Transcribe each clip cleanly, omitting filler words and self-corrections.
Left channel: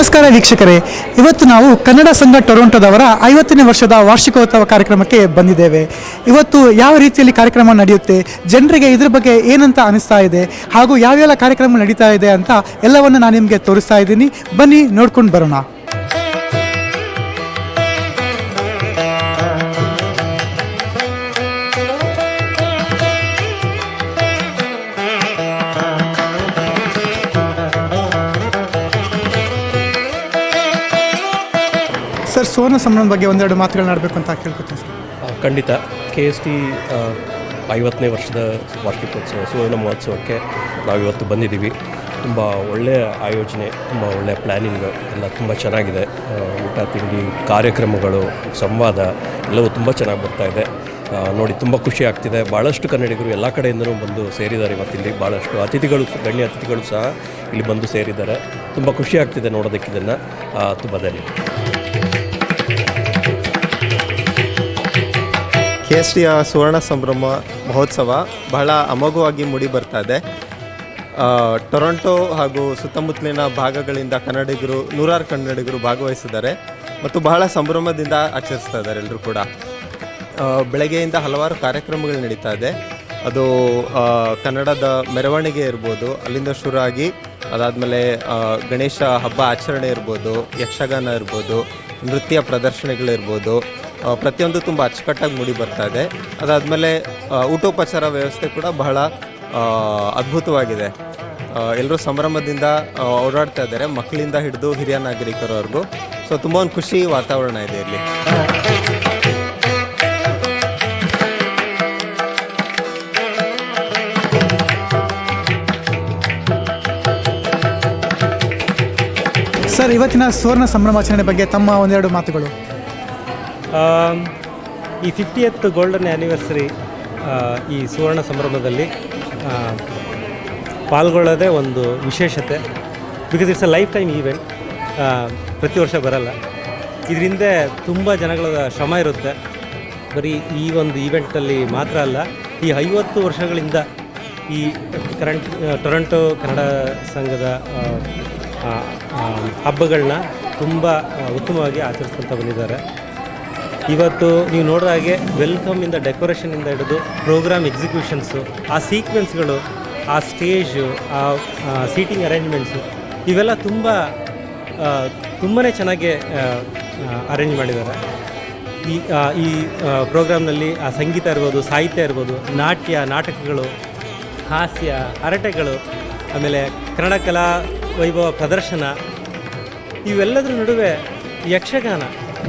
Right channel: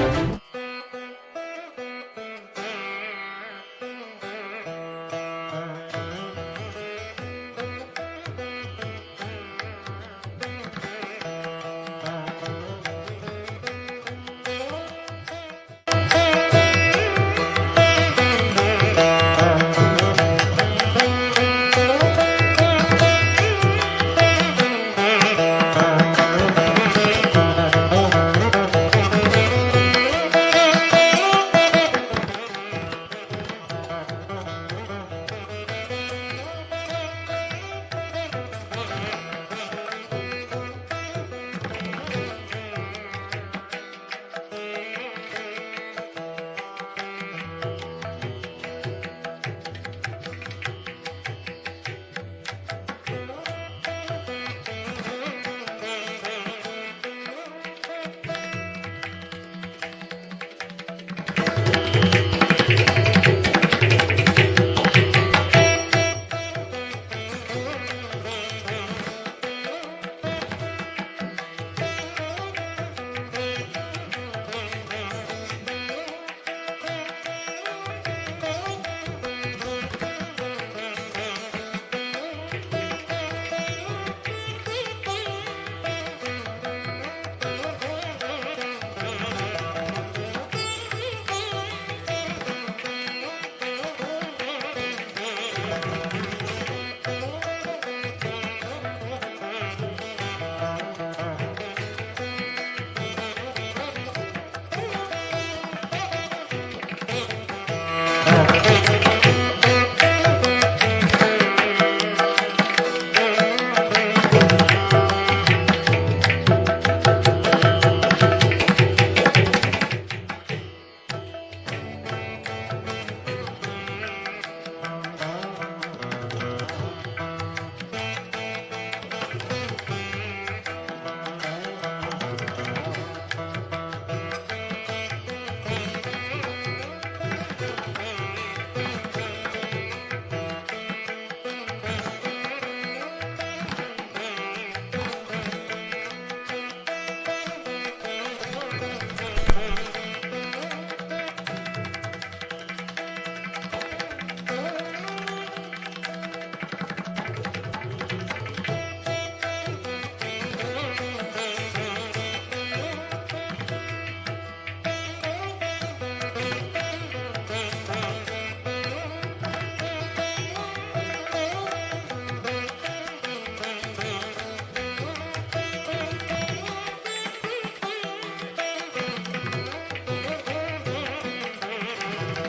ನಮಸ್ಕಾರ ವೀಕ್ಷಕರೇ, ಇವತ್ತು ನಾವು ಕನ್ನಡ ಸಂಘ ಟೊರೊಂಟೊದವರ 50ನೇ ವರ್ಷದ ವಾರ್ಷಿಕೋತ್ಸವ ಕಾರ್ಯಕ್ರಮಕ್ಕೆ ಬಂದಿದ್ದೇವೆ. ಇವತ್ತು ಯಾವ ರೀತಿಯಲ್ಲಿ ಕಾರ್ಯಕ್ರಮ ನಡೆಯುತ್ತೆ, ಜನರಿಗೆ ಇದ್ರ ಬಗ್ಗೆ ಏನಂತ ಅನಿಸ್ತಾ ಇದೆ ಹಾಗೂ ಯಾವೆಲ್ಲ ಕಾರ್ಯಕ್ರಮ ನಡೀತಾ ಇದೆ ಅಂತ ಎಲ್ಲವನ್ನು ನಾನು ನಿಮಗೆ ತೋರಿಸ್ತಾ ಇದ್ದೀನಿ. ಬನ್ನಿ ನೋಡ್ಕೊಂಡು ಬರೋಣ. ಸರ್, ಸುವರ್ಣ ಸಂಭ್ರಮದ ಬಗ್ಗೆ ಒಂದೆರಡು ಮಾತುಗಳನ್ನಾಡಬೇಕು ಅಂತ ಕೇಳ್ಕೊತೀನಿ ಸರ್. ಖಂಡಿತ. KST 50ನೇ ವರ್ಷದ ವಾರ್ಷಿಕೋತ್ಸವ ಸುವರ್ಣ ಮಹೋತ್ಸವಕ್ಕೆ ನಾವಿವತ್ತು ಬಂದಿದ್ದೀವಿ. ತುಂಬ ಒಳ್ಳೆಯ ಆಯೋಜನೆ, ತುಂಬ ಒಳ್ಳೆಯ ಪ್ಲ್ಯಾನಿಂಗ್ ಎಲ್ಲ ತುಂಬ ಚೆನ್ನಾಗಿದೆ. ಊಟ ತಿಂಡಿ ಕಾರ್ಯಕ್ರಮಗಳು, ಸಂವಾದ ಎಲ್ಲವೂ ತುಂಬ ಚೆನ್ನಾಗಿ ಬರ್ತಾಯಿದೆ. ನೋಡಿ ತುಂಬ ಖುಷಿ ಆಗ್ತಿದೆ. ಭಾಳಷ್ಟು ಕನ್ನಡಿಗರು ಎಲ್ಲ ಕಡೆಯಿಂದಲೂ ಬಂದು ಸೇರಿದ್ದಾರೆ. ಇವತ್ತಿಲ್ಲಿ ಭಾಳಷ್ಟು ಅತಿಥಿಗಳು, ಗಣ್ಯ ಅತಿಥಿಗಳು ಸಹ ಇಲ್ಲಿ ಬಂದು ಸೇರಿದ್ದಾರೆ. ತುಂಬ ಖುಷಿ ಆಗ್ತಿದೆ ನೋಡೋದಕ್ಕೆ ಇದನ್ನು. ತುಂಬ ಧನ್ಯವಾದ. KSTಯ ಸುವರ್ಣ ಸಂಭ್ರಮ ಮಹೋತ್ಸವ ಬಹಳ ಅಮೋಘವಾಗಿ ಮೂಡಿ ಬರ್ತಾ ಇದೆ. ಟೊರೊಂಟೊ ಹಾಗೂ ಸುತ್ತಮುತ್ತಲಿನ ಭಾಗಗಳಿಂದ ನೂರಾರು ಕನ್ನಡಿಗರು ಭಾಗವಹಿಸಿದ್ದಾರೆ ಮತ್ತು ಬಹಳ ಸಂಭ್ರಮದಿಂದ ಆಚರಿಸ್ತಾ ಇದ್ದಾರೆ ಎಲ್ಲರೂ ಕೂಡ. ಬೆಳಗ್ಗೆಯಿಂದ ಹಲವಾರು ಕಾರ್ಯಕ್ರಮಗಳು ನಡೀತಾ ಇದೆ. ಅದು ಕನ್ನಡದ ಮೆರವಣಿಗೆ ಇರ್ಬೋದು, ಅಲ್ಲಿಂದ ಶುರುವಾಗಿ ಅದಾದಮೇಲೆ ಗಣೇಶ ಹಬ್ಬ ಆಚರಣೆ ಇರ್ಬೋದು, ಯಕ್ಷಗಾನ ಇರ್ಬೋದು, ನೃತ್ಯ ಪ್ರದರ್ಶನಗಳಿರ್ಬೋದು, ಪ್ರತಿಯೊಂದು ತುಂಬ ಅಚ್ಚುಕಟ್ಟಾಗಿ ಮೂಡಿ ಬರ್ತಾ ಇದೆ. ಅದಾದಮೇಲೆ ಊಟೋಪಚಾರ ವ್ಯವಸ್ಥೆ ಕೂಡ ಬಹಳ ಅದ್ಭುತವಾಗಿದೆ. ಎಲ್ಲರೂ ಸಂಭ್ರಮದಿಂದ ಓಡಾಡ್ತಾ ಇದ್ದಾರೆ, ಮಕ್ಕಳಿಂದ ಹಿಡಿದು ಹಿರಿಯ ನಾಗರಿಕರವರೆಗೂ. ಸೊ ತುಂಬ ಒಂದು ಖುಷಿ ವಾತಾವರಣ ಇದೆ ಇಲ್ಲಿ. ಸರ್, ಇವತ್ತಿನ ಸುವರ್ಣ ಸಂಭ್ರಮಾಚರಣೆ ಬಗ್ಗೆ ತಮ್ಮ ಒಂದೆರಡು ಮಾತುಗಳು. ಈ 50th ಗೋಲ್ಡನ್ ಆ್ಯನಿವರ್ಸರಿ ಈ ಸುವರ್ಣ ಸಂಭ್ರಮದಲ್ಲಿ ಪಾಲ್ಗೊಳ್ಳೋದೇ ಒಂದು ವಿಶೇಷತೆ. Because it's a life time event. ಪ್ರತಿ ವರ್ಷ ಬರಲ್ಲ. ಇದರಿಂದ ತುಂಬ ಜನಗಳ ಶ್ರಮ ಇರುತ್ತೆ. ಬರೀ ಈ ಒಂದು ಈವೆಂಟಲ್ಲಿ ಮಾತ್ರ ಅಲ್ಲ, ಈ 50 ವರ್ಷಗಳಿಂದ ಈ ಟೊರೊಂಟೊ ಕನ್ನಡ ಸಂಘದ ಹಬ್ಬಗಳನ್ನ ತುಂಬ ಉತ್ತಮವಾಗಿ ಆಚರಿಸ್ಕೊಳ್ತಾ ಬಂದಿದ್ದಾರೆ. ಇವತ್ತು ನೀವು ನೋಡೋ ಹಾಗೆ ವೆಲ್ಕಮಿಂದ ಡೆಕೋರೇಷನಿಂದ ಹಿಡಿದು ಪ್ರೋಗ್ರಾಮ್ ಎಕ್ಸಿಕ್ಯೂಷನ್ಸು, ಆ ಸೀಕ್ವೆನ್ಸ್ಗಳು, ಆ ಸ್ಟೇಜು, ಆ ಸೀಟಿಂಗ್ ಅರೇಂಜ್ಮೆಂಟ್ಸು ಇವೆಲ್ಲ ತುಂಬಾ ಚೆನ್ನಾಗಿ ಅರೇಂಜ್ ಮಾಡಿದ್ದಾರೆ. ಈ ಪ್ರೋಗ್ರಾಮ್ನಲ್ಲಿ ಆ ಸಂಗೀತ ಇರ್ಬೋದು, ಸಾಹಿತ್ಯ ಇರ್ಬೋದು, ನಾಟಕಗಳು, ಹಾಸ್ಯ, ಹರಟೆಗಳು, ಆಮೇಲೆ ಕನ್ನಡ ಕಲಾ ವೈಭವ ಪ್ರದರ್ಶನ, ಇವೆಲ್ಲದರ ನಡುವೆ ಯಕ್ಷಗಾನ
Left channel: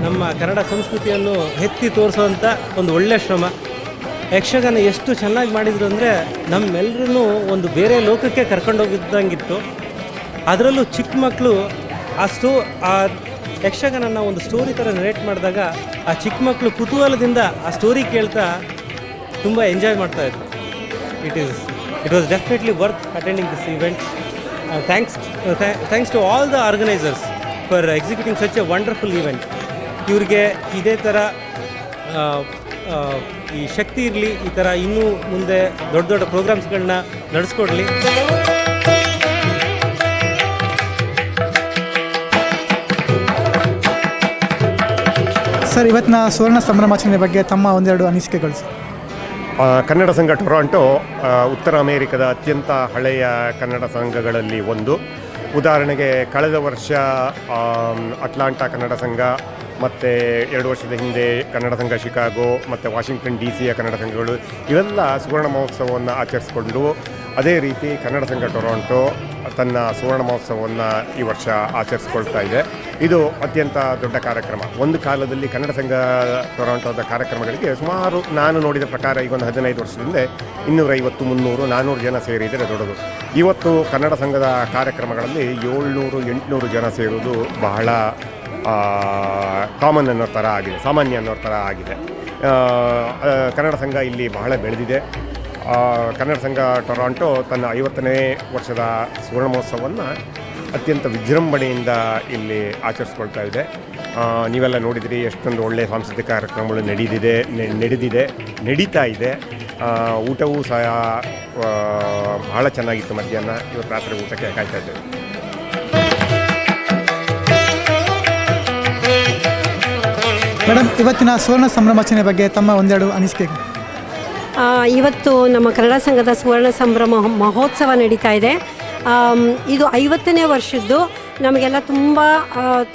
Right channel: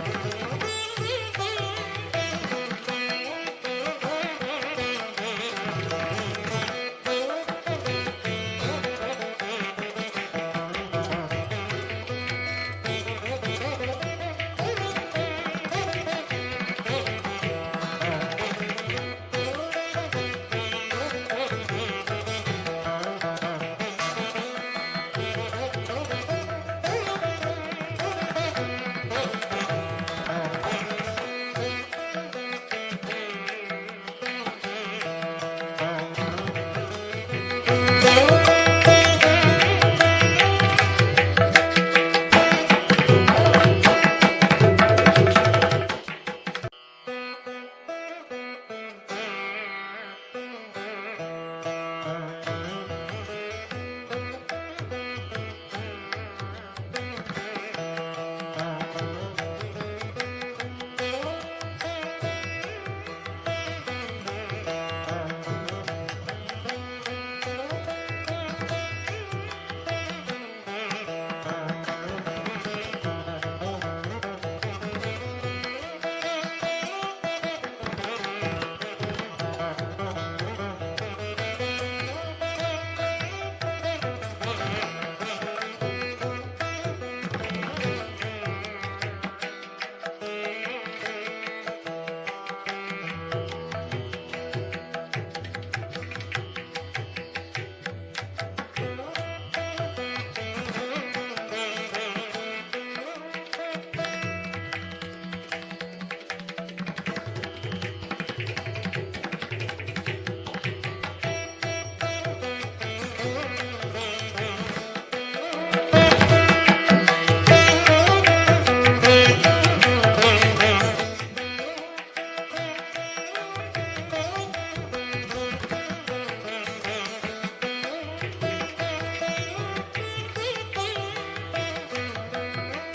ನಮ್ಮ ಕನ್ನಡ ಸಂಸ್ಕೃತಿಯನ್ನು ಎತ್ತಿ ತೋರಿಸುವಂಥ ಒಂದು ಒಳ್ಳೆಯ ಶ್ರಮ. ಯಕ್ಷಗಾನ ಎಷ್ಟು ಚೆನ್ನಾಗಿ ಮಾಡಿದ್ರು ಅಂದರೆ ನಮ್ಮೆಲ್ಲರೂ ಒಂದು ಬೇರೆ ಲೋಕಕ್ಕೆ ಕರ್ಕೊಂಡೋಗಿದ್ದಂಗಿತ್ತು. ಅದರಲ್ಲೂ ಚಿಕ್ಕ ಮಕ್ಕಳು ಆ ಯಕ್ಷಗಾನನ ಒಂದು ಸ್ಟೋರಿ ಥರ ನರೇಟ್ ಮಾಡಿದಾಗ ಆ ಚಿಕ್ಕ ಮಕ್ಕಳು ಕುತೂಹಲದಿಂದ ಆ ಸ್ಟೋರಿ ಕೇಳ್ತಾ ತುಂಬ ಎಂಜಾಯ್ ಮಾಡ್ತಾಯಿದ್ರು. It was definitely worth attending this event. Thanks to all the organisers for executing such a wonderful event. ಇವ್ರಿಗೆ ಇದೇ ಥರ ಈ ಶಕ್ತಿ ಇರಲಿ, ಈ ಥರ ಇನ್ನೂ ಮುಂದೆ ದೊಡ್ಡ ದೊಡ್ಡ ಪ್ರೋಗ್ರಾಮ್ಸ್ಗಳನ್ನ ನಡೆಸ್ಕೊಡ್ಲಿ. ಸರ್, ಇವತ್ತಿನ ಸುವರ್ಣ ಸಂಭ್ರಮಾಚರಣೆ ಬಗ್ಗೆ ತಮ್ಮ ಒಂದೆರಡು ಅನಿಸಿಕೆಗಳು ಸರ್. ಕನ್ನಡ ಸಂಘ ಟೊರೊಂಟೊ ಉತ್ತರ ಅಮೇರಿಕದ ಅತ್ಯಂತ ಹಳೆಯ ಕನ್ನಡ ಸಂಘಗಳಲ್ಲಿ ಒಂದು. ಉದಾಹರಣೆಗೆ ಕಳೆದ ವರ್ಷ ಅಟ್ಲಾಂಟಾ ಕನ್ನಡ ಸಂಘ ಮತ್ತು 2 ವರ್ಷದ ಹಿಂದೆ ಕನ್ನಡ ಸಂಘ ಶಿಕಾಗೋ ಮತ್ತು ವಾಷಿಂಗ್ಟನ್ DC ಕನ್ನಡ ಸಂಘಗಳು ಇವೆಲ್ಲ ಸುವರ್ಣ ಮಹೋತ್ಸವವನ್ನು ಆಚರಿಸಿಕೊಂಡು, ಅದೇ ರೀತಿ ಕನ್ನಡ ಸಂಘ ಟೊರೊಂಟೊ ತನ್ನ ಸುವರ್ಣ ಮಹೋತ್ಸವವನ್ನು ಈ ವರ್ಷ ಆಚರಿಸ್ಕೊಳ್ತಾ ಇದೆ. ಇದು ಅತ್ಯಂತ ದೊಡ್ಡ ಕಾರ್ಯಕ್ರಮ. ಒಂದು ಕಾಲದಲ್ಲಿ ಕನ್ನಡ ಸಂಘ ಟೊರೊಂಟೊದ ಕಾರ್ಯಕ್ರಮಗಳಿಗೆ ಸುಮಾರು ನಾನು ನೋಡಿದ ಪ್ರಕಾರ ಈಗ ಒಂದು 15 ವರ್ಷದಿಂದ 250, 300, 400 ಜನ ಸೇರಿದರೆ ದೊಡ್ಡದು. ಇವತ್ತು ಕನ್ನಡ ಸಂಘದ ಕಾರ್ಯಕ್ರಮಗಳಲ್ಲಿ 700-800 ಜನ ಸೇರುವುದು ಬಹಳ ಕಾಮನ್ ಅನ್ನೋ ಥರ ಆಗಿದೆ, ಸಾಮಾನ್ಯ ಅನ್ನೋ ಥರ ಆಗಿದೆ. ಕನ್ನಡ ಸಂಘ ಇಲ್ಲಿ ಬಹಳ ಬೆಳೆದಿದೆ. ಕನ್ನಡ ಸಂಘ ಟೊರೊಂಟೊ ತನ್ನ 50ನೇ ವರ್ಷದ ಸುವರ್ಣ ಮಹೋತ್ಸವವನ್ನು ಅತ್ಯಂತ ವಿಜೃಂಭಣೆಯಿಂದ ಇಲ್ಲಿ ಆಚರಿಸ್ಕೊಳ್ತಾ ಇದೆ. ನೀವೆಲ್ಲ ನೋಡಿದಿರಿ ಎಷ್ಟೊಂದು ಒಳ್ಳೆಯ ಸಾಂಸ್ಕೃತಿಕ ಕಾರ್ಯಕ್ರಮಗಳು ನಡೀತಾ ಇದೆ. ಊಟವೂ ಸಹ ಬಹಳ ಚೆನ್ನಾಗಿತ್ತು. ಮಧ್ಯಾಹ್ನ ಇವತ್ತು ರಾತ್ರಿ ಊಟಕ್ಕೆ ಕಾಯ್ತಾ ಇದ್ದೇವೆ. ಇವತ್ತಿನ ಸುವರ್ಣ ಸಂಭ್ರಮಾಚರಣೆ ಬಗ್ಗೆ ತಮ್ಮ ಒಂದೆರಡು ಅನಿಸಿಕೆ. ಇವತ್ತು ನಮ್ಮ ಕನ್ನಡ ಸಂಘದ ಸುವರ್ಣ ಸಂಭ್ರಮ ಮಹೋತ್ಸವ ನಡೀತಾ ಇದೆ. ಇದು 50ನೇ ವರ್ಷದ್ದು. ನಮಗೆಲ್ಲ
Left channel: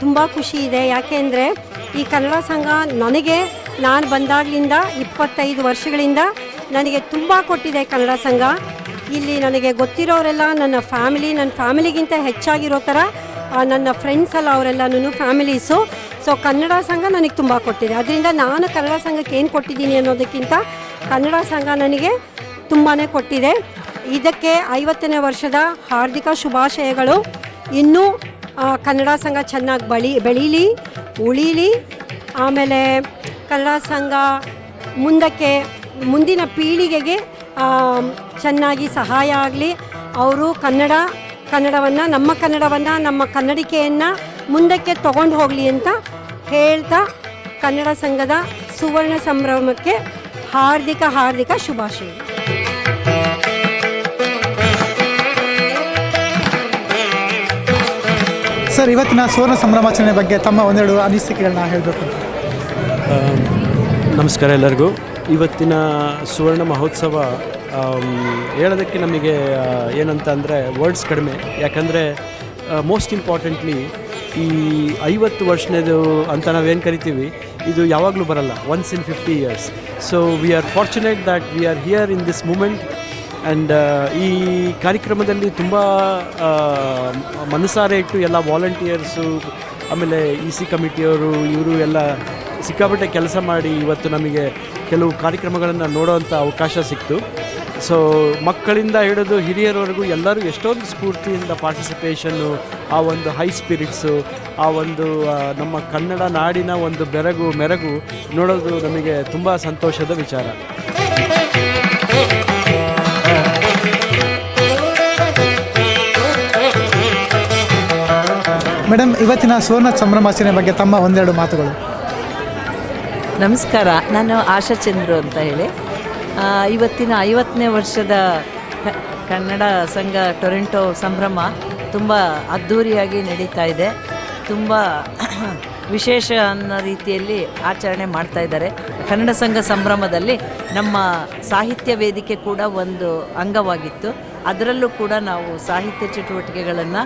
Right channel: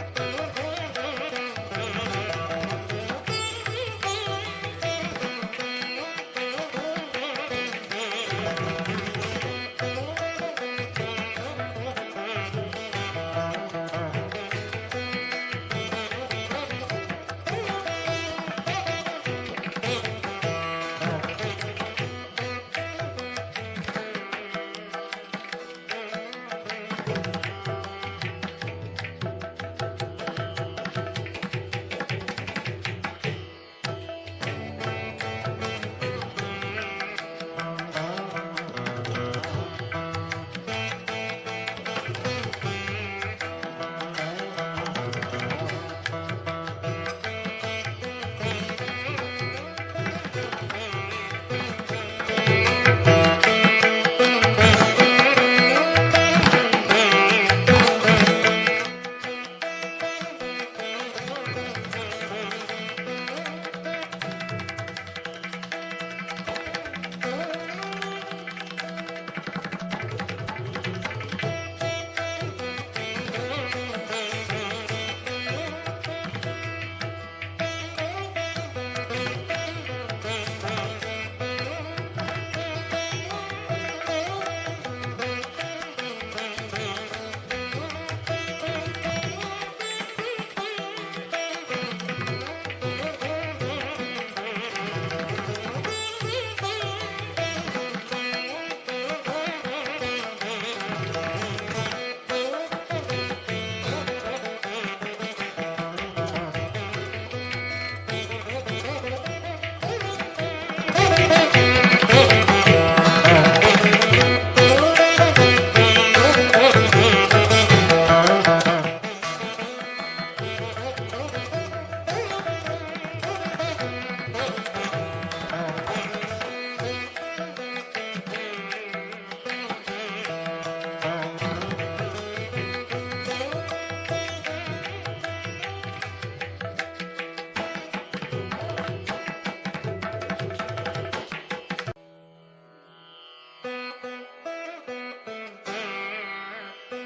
ತುಂಬ ಖುಷಿ ಇದೆ. ಯಾಕೆಂದರೆ ಈ ಕನ್ನಡ ಸಂಘ ನಾನು ಬಂದಾಗಲಿಂದ 25 ವರ್ಷಗಳಿಂದ ನನಗೆ ತುಂಬ ಕೊಟ್ಟಿದೆ ಕನ್ನಡ ಸಂಘ. ಇಲ್ಲಿ ನನಗೆ ಗೊತ್ತಿರೋರೆಲ್ಲ ನನ್ನ ಫ್ಯಾಮಿಲಿಗಿಂತ ಹೆಚ್ಚಾಗಿರೋ ಥರ ನನ್ನ ಫ್ರೆಂಡ್ಸ್ ಎಲ್ಲ ಅವರೆಲ್ಲನೂ ಫ್ಯಾಮಿಲೀಸು. ಸೊ ಕನ್ನಡ ಸಂಘ ನನಗೆ ತುಂಬ ಕೊಟ್ಟಿದೆ. ಅದರಿಂದ ನಾನು ಕನ್ನಡ ಸಂಘಕ್ಕೆ ಏನು ಕೊಟ್ಟಿದ್ದೀನಿ ಅನ್ನೋದಕ್ಕಿಂತ ಕನ್ನಡ ಸಂಘ ನನಗೆ ತುಂಬಾ ಕೊಟ್ಟಿದೆ. ಇದಕ್ಕೆ 50ನೇ ವರ್ಷದ ಹಾರ್ದಿಕ ಶುಭಾಶಯಗಳು. ಇನ್ನೂ ಕನ್ನಡ ಸಂಘ ಚೆನ್ನಾಗಿ ಬೆಳೀಲಿ, ಉಳೀಲಿ. ಆಮೇಲೆ ಕನ್ನಡ ಸಂಘ ಮುಂದಿನ ಪೀಳಿಗೆಗೆ ಚೆನ್ನಾಗಿ ಸಹಾಯ ಆಗಲಿ. ಅವರು ಕನ್ನಡವನ್ನು ನಮ್ಮ ಕನ್ನಡಿಕೆಯನ್ನು ಮುಂದಕ್ಕೆ ತಗೊಂಡು ಹೋಗಲಿ ಅಂತ ಹೇಳ್ತಾ ಕನ್ನಡ ಸಂಘದ ಸುವರ್ಣ ಸಂಭ್ರಮಕ್ಕೆ ಹಾರ್ದಿಕ ಶುಭಾಶಯ. ಸರ್, ಇವತ್ತಿನ ಸುವರ್ಣ ಸಂಭ್ರಮಾಚರಣೆ ಬಗ್ಗೆ ತಮ್ಮ ಒಂದೆರಡು ಅನಿಸಿಕೆಗಳನ್ನ ಹೇಳಬೇಕು. ನಮಸ್ಕಾರ ಎಲ್ಲರಿಗೂ. ಇವತ್ತಿನ ಸುವರ್ಣ ಮಹೋತ್ಸವ ಹೇಳೋದಕ್ಕೆ ನಮಗೆ ಏನಂತ ಅಂದರೆ ವರ್ಡ್ಸ್ ಕಡಿಮೆ. ಯಾಕಂದರೆ ಮೋಸ್ಟ್ ಇಂಪಾರ್ಟೆಂಟ್ಲಿ ಈ 50 ವರ್ಷದ್ದು ಅಂತ ನಾವೇನು ಕರಿತೀವಿ, ಇದು ಯಾವಾಗಲೂ ಬರಲ್ಲ, once in 50 years. So we are fortunate that we are here in this moment. And ಈ ಕಾರ್ಯಕ್ರಮದಲ್ಲಿ ತುಂಬ ಮನಸಾರೆ ಇಟ್ಟು ಎಲ್ಲ ವಾಲಂಟಿಯರ್ಸು, ಆಮೇಲೆ EC ಕಮಿಟಿಯವರು, ಇವರು ಎಲ್ಲ ಸಿಕ್ಕಾಪಟ್ಟೆ ಕೆಲಸ ಮಾಡಿ ಇವತ್ತು ನಮಗೆ ಕೆಲವು ಕಾರ್ಯಕ್ರಮಗಳನ್ನು ನೋಡೋವಂಥ ಅವಕಾಶ ಸಿಕ್ತು. ಸೊ ಮಕ್ಕಳಿಂದ ಹಿಡಿದು ಹಿರಿಯರವರೆಗೂ ಎಲ್ಲರೂ ಎಷ್ಟೊಂದು ಸ್ಫೂರ್ತಿಯಿಂದ ಪಾರ್ಟಿಸಿಪೇಷನ್ನು, ಆ ಒಂದು ಹೈ ಸ್ಪಿರಿಟ್ಸು, ಆ ಒಂದು ನಮ್ಮ ಕನ್ನಡ ನಾಡಿನ ಒಂದು ಮೆರಗು ನೋಡೋದು ನಮಗೆ ತುಂಬ ಸಂತೋಷದ ವಿಚಾರ. ಮೇಡಮ್, ಇವತ್ತಿನ ಸುವರ್ಣ ಸಂಭ್ರಮಾಚರಣೆ ಬಗ್ಗೆ ತಮ್ಮ ಒಂದೆರಡು ಮಾತುಗಳು. ನಮಸ್ಕಾರ, ನಾನು ಆಶಾ ಚಂದ್ರು ಅಂತ ಹೇಳಿ. ಇವತ್ತಿನ 50ನೇ ವರ್ಷದ ಕನ್ನಡ ಸಂಘ ಟೊರೆಂಟೊ ಸಂಭ್ರಮ ತುಂಬ ಅದ್ಧೂರಿಯಾಗಿ ನಡೀತಾ ಇದೆ. ತುಂಬ ವಿಶೇಷ ಅನ್ನೋ ರೀತಿಯಲ್ಲಿ ಆಚರಣೆ ಮಾಡ್ತಾ ಇದ್ದಾರೆ. ಕನ್ನಡ ಸಂಘ ಸಂಭ್ರಮದಲ್ಲಿ ನಮ್ಮ ಸಾಹಿತ್ಯ ವೇದಿಕೆ ಕೂಡ ಒಂದು ಅಂಗವಾಗಿತ್ತು. ಅದರಲ್ಲೂ ಕೂಡ ನಾವು ಸಾಹಿತ್ಯ ಚಟುವಟಿಕೆಗಳನ್ನು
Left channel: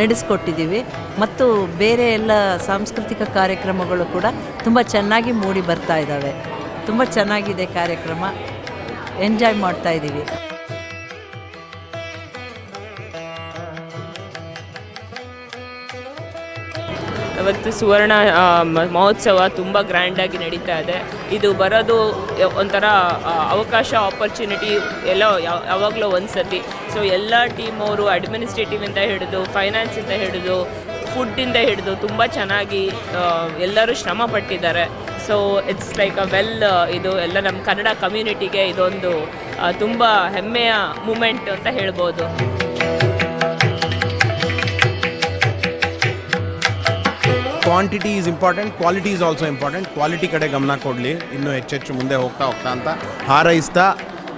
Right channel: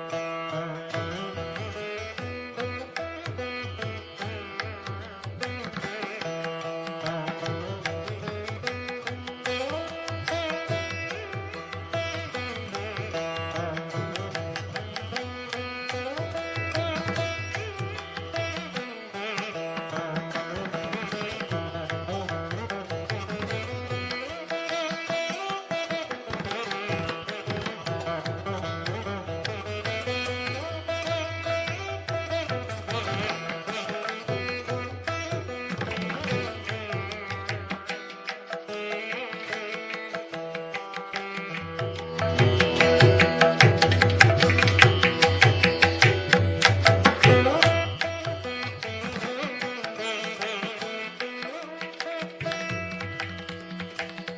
ನಡೆಸ್ಕೊಟ್ಟಿದ್ದೀವಿ. ಮತ್ತು ಬೇರೆ ಎಲ್ಲ ಸಾಂಸ್ಕೃತಿಕ ಕಾರ್ಯಕ್ರಮಗಳು ಕೂಡ ತುಂಬ ಚೆನ್ನಾಗಿ ಮೂಡಿ ಬರ್ತಾ ಇದ್ದಾವೆ. ತುಂಬ ಚೆನ್ನಾಗಿದೆ ಕಾರ್ಯಕ್ರಮ, ಎಂಜಾಯ್ ಮಾಡ್ತಾ ಇದ್ದೀವಿ. ಇವತ್ತು ಸುವರ್ಣ ಮಹೋತ್ಸವ ತುಂಬ ಗ್ರ್ಯಾಂಡಾಗಿ ನಡೀತಾ ಇದೆ. ಇದು ಬರೋದು ಒಂಥರ ಅವಕಾಶ, ಆಪರ್ಚುನಿಟಿ ಎಲ್ಲ ಯಾವಾಗಲೂ ಒಂದು ಸತಿ. ಸೊ ಎಲ್ಲ ಟೀಮ್ ಅವರು ಅಡ್ಮಿನಿಸ್ಟ್ರೇಟಿವಿಂದ ಹಿಡಿದು, ಫೈನಾನ್ಸಿಂದ ಹಿಡಿದು, ಫುಡ್ಡಿಂದ ಹಿಡಿದು ತುಂಬ ಚೆನ್ನಾಗಿ ಎಲ್ಲರೂ ಶ್ರಮ ಪಟ್ಟಿದ್ದಾರೆ. ಸೊ ಇಟ್ಸ್ ಲೈಕ್ ಇದು ಎಲ್ಲ ನಮ್ಮ ಕನ್ನಡ ಕಮ್ಯುನಿಟಿಗೆ ಇದೊಂದು ತುಂಬ ಹೆಮ್ಮೆಯ ಮೂಮೆಂಟ್ ಅಂತ ಹೇಳ್ಬೋದು. Quantity is important, quality is also important. Quality ಕಡೆ ಗಮನ ಕೊಡಲಿ, ಇನ್ನೂ ಹೆಚ್ಚೆಚ್ಚು ಮುಂದೆ ಹೋಗ್ತಾ ಅಂತ ಹಾರೈಸ್ತಾ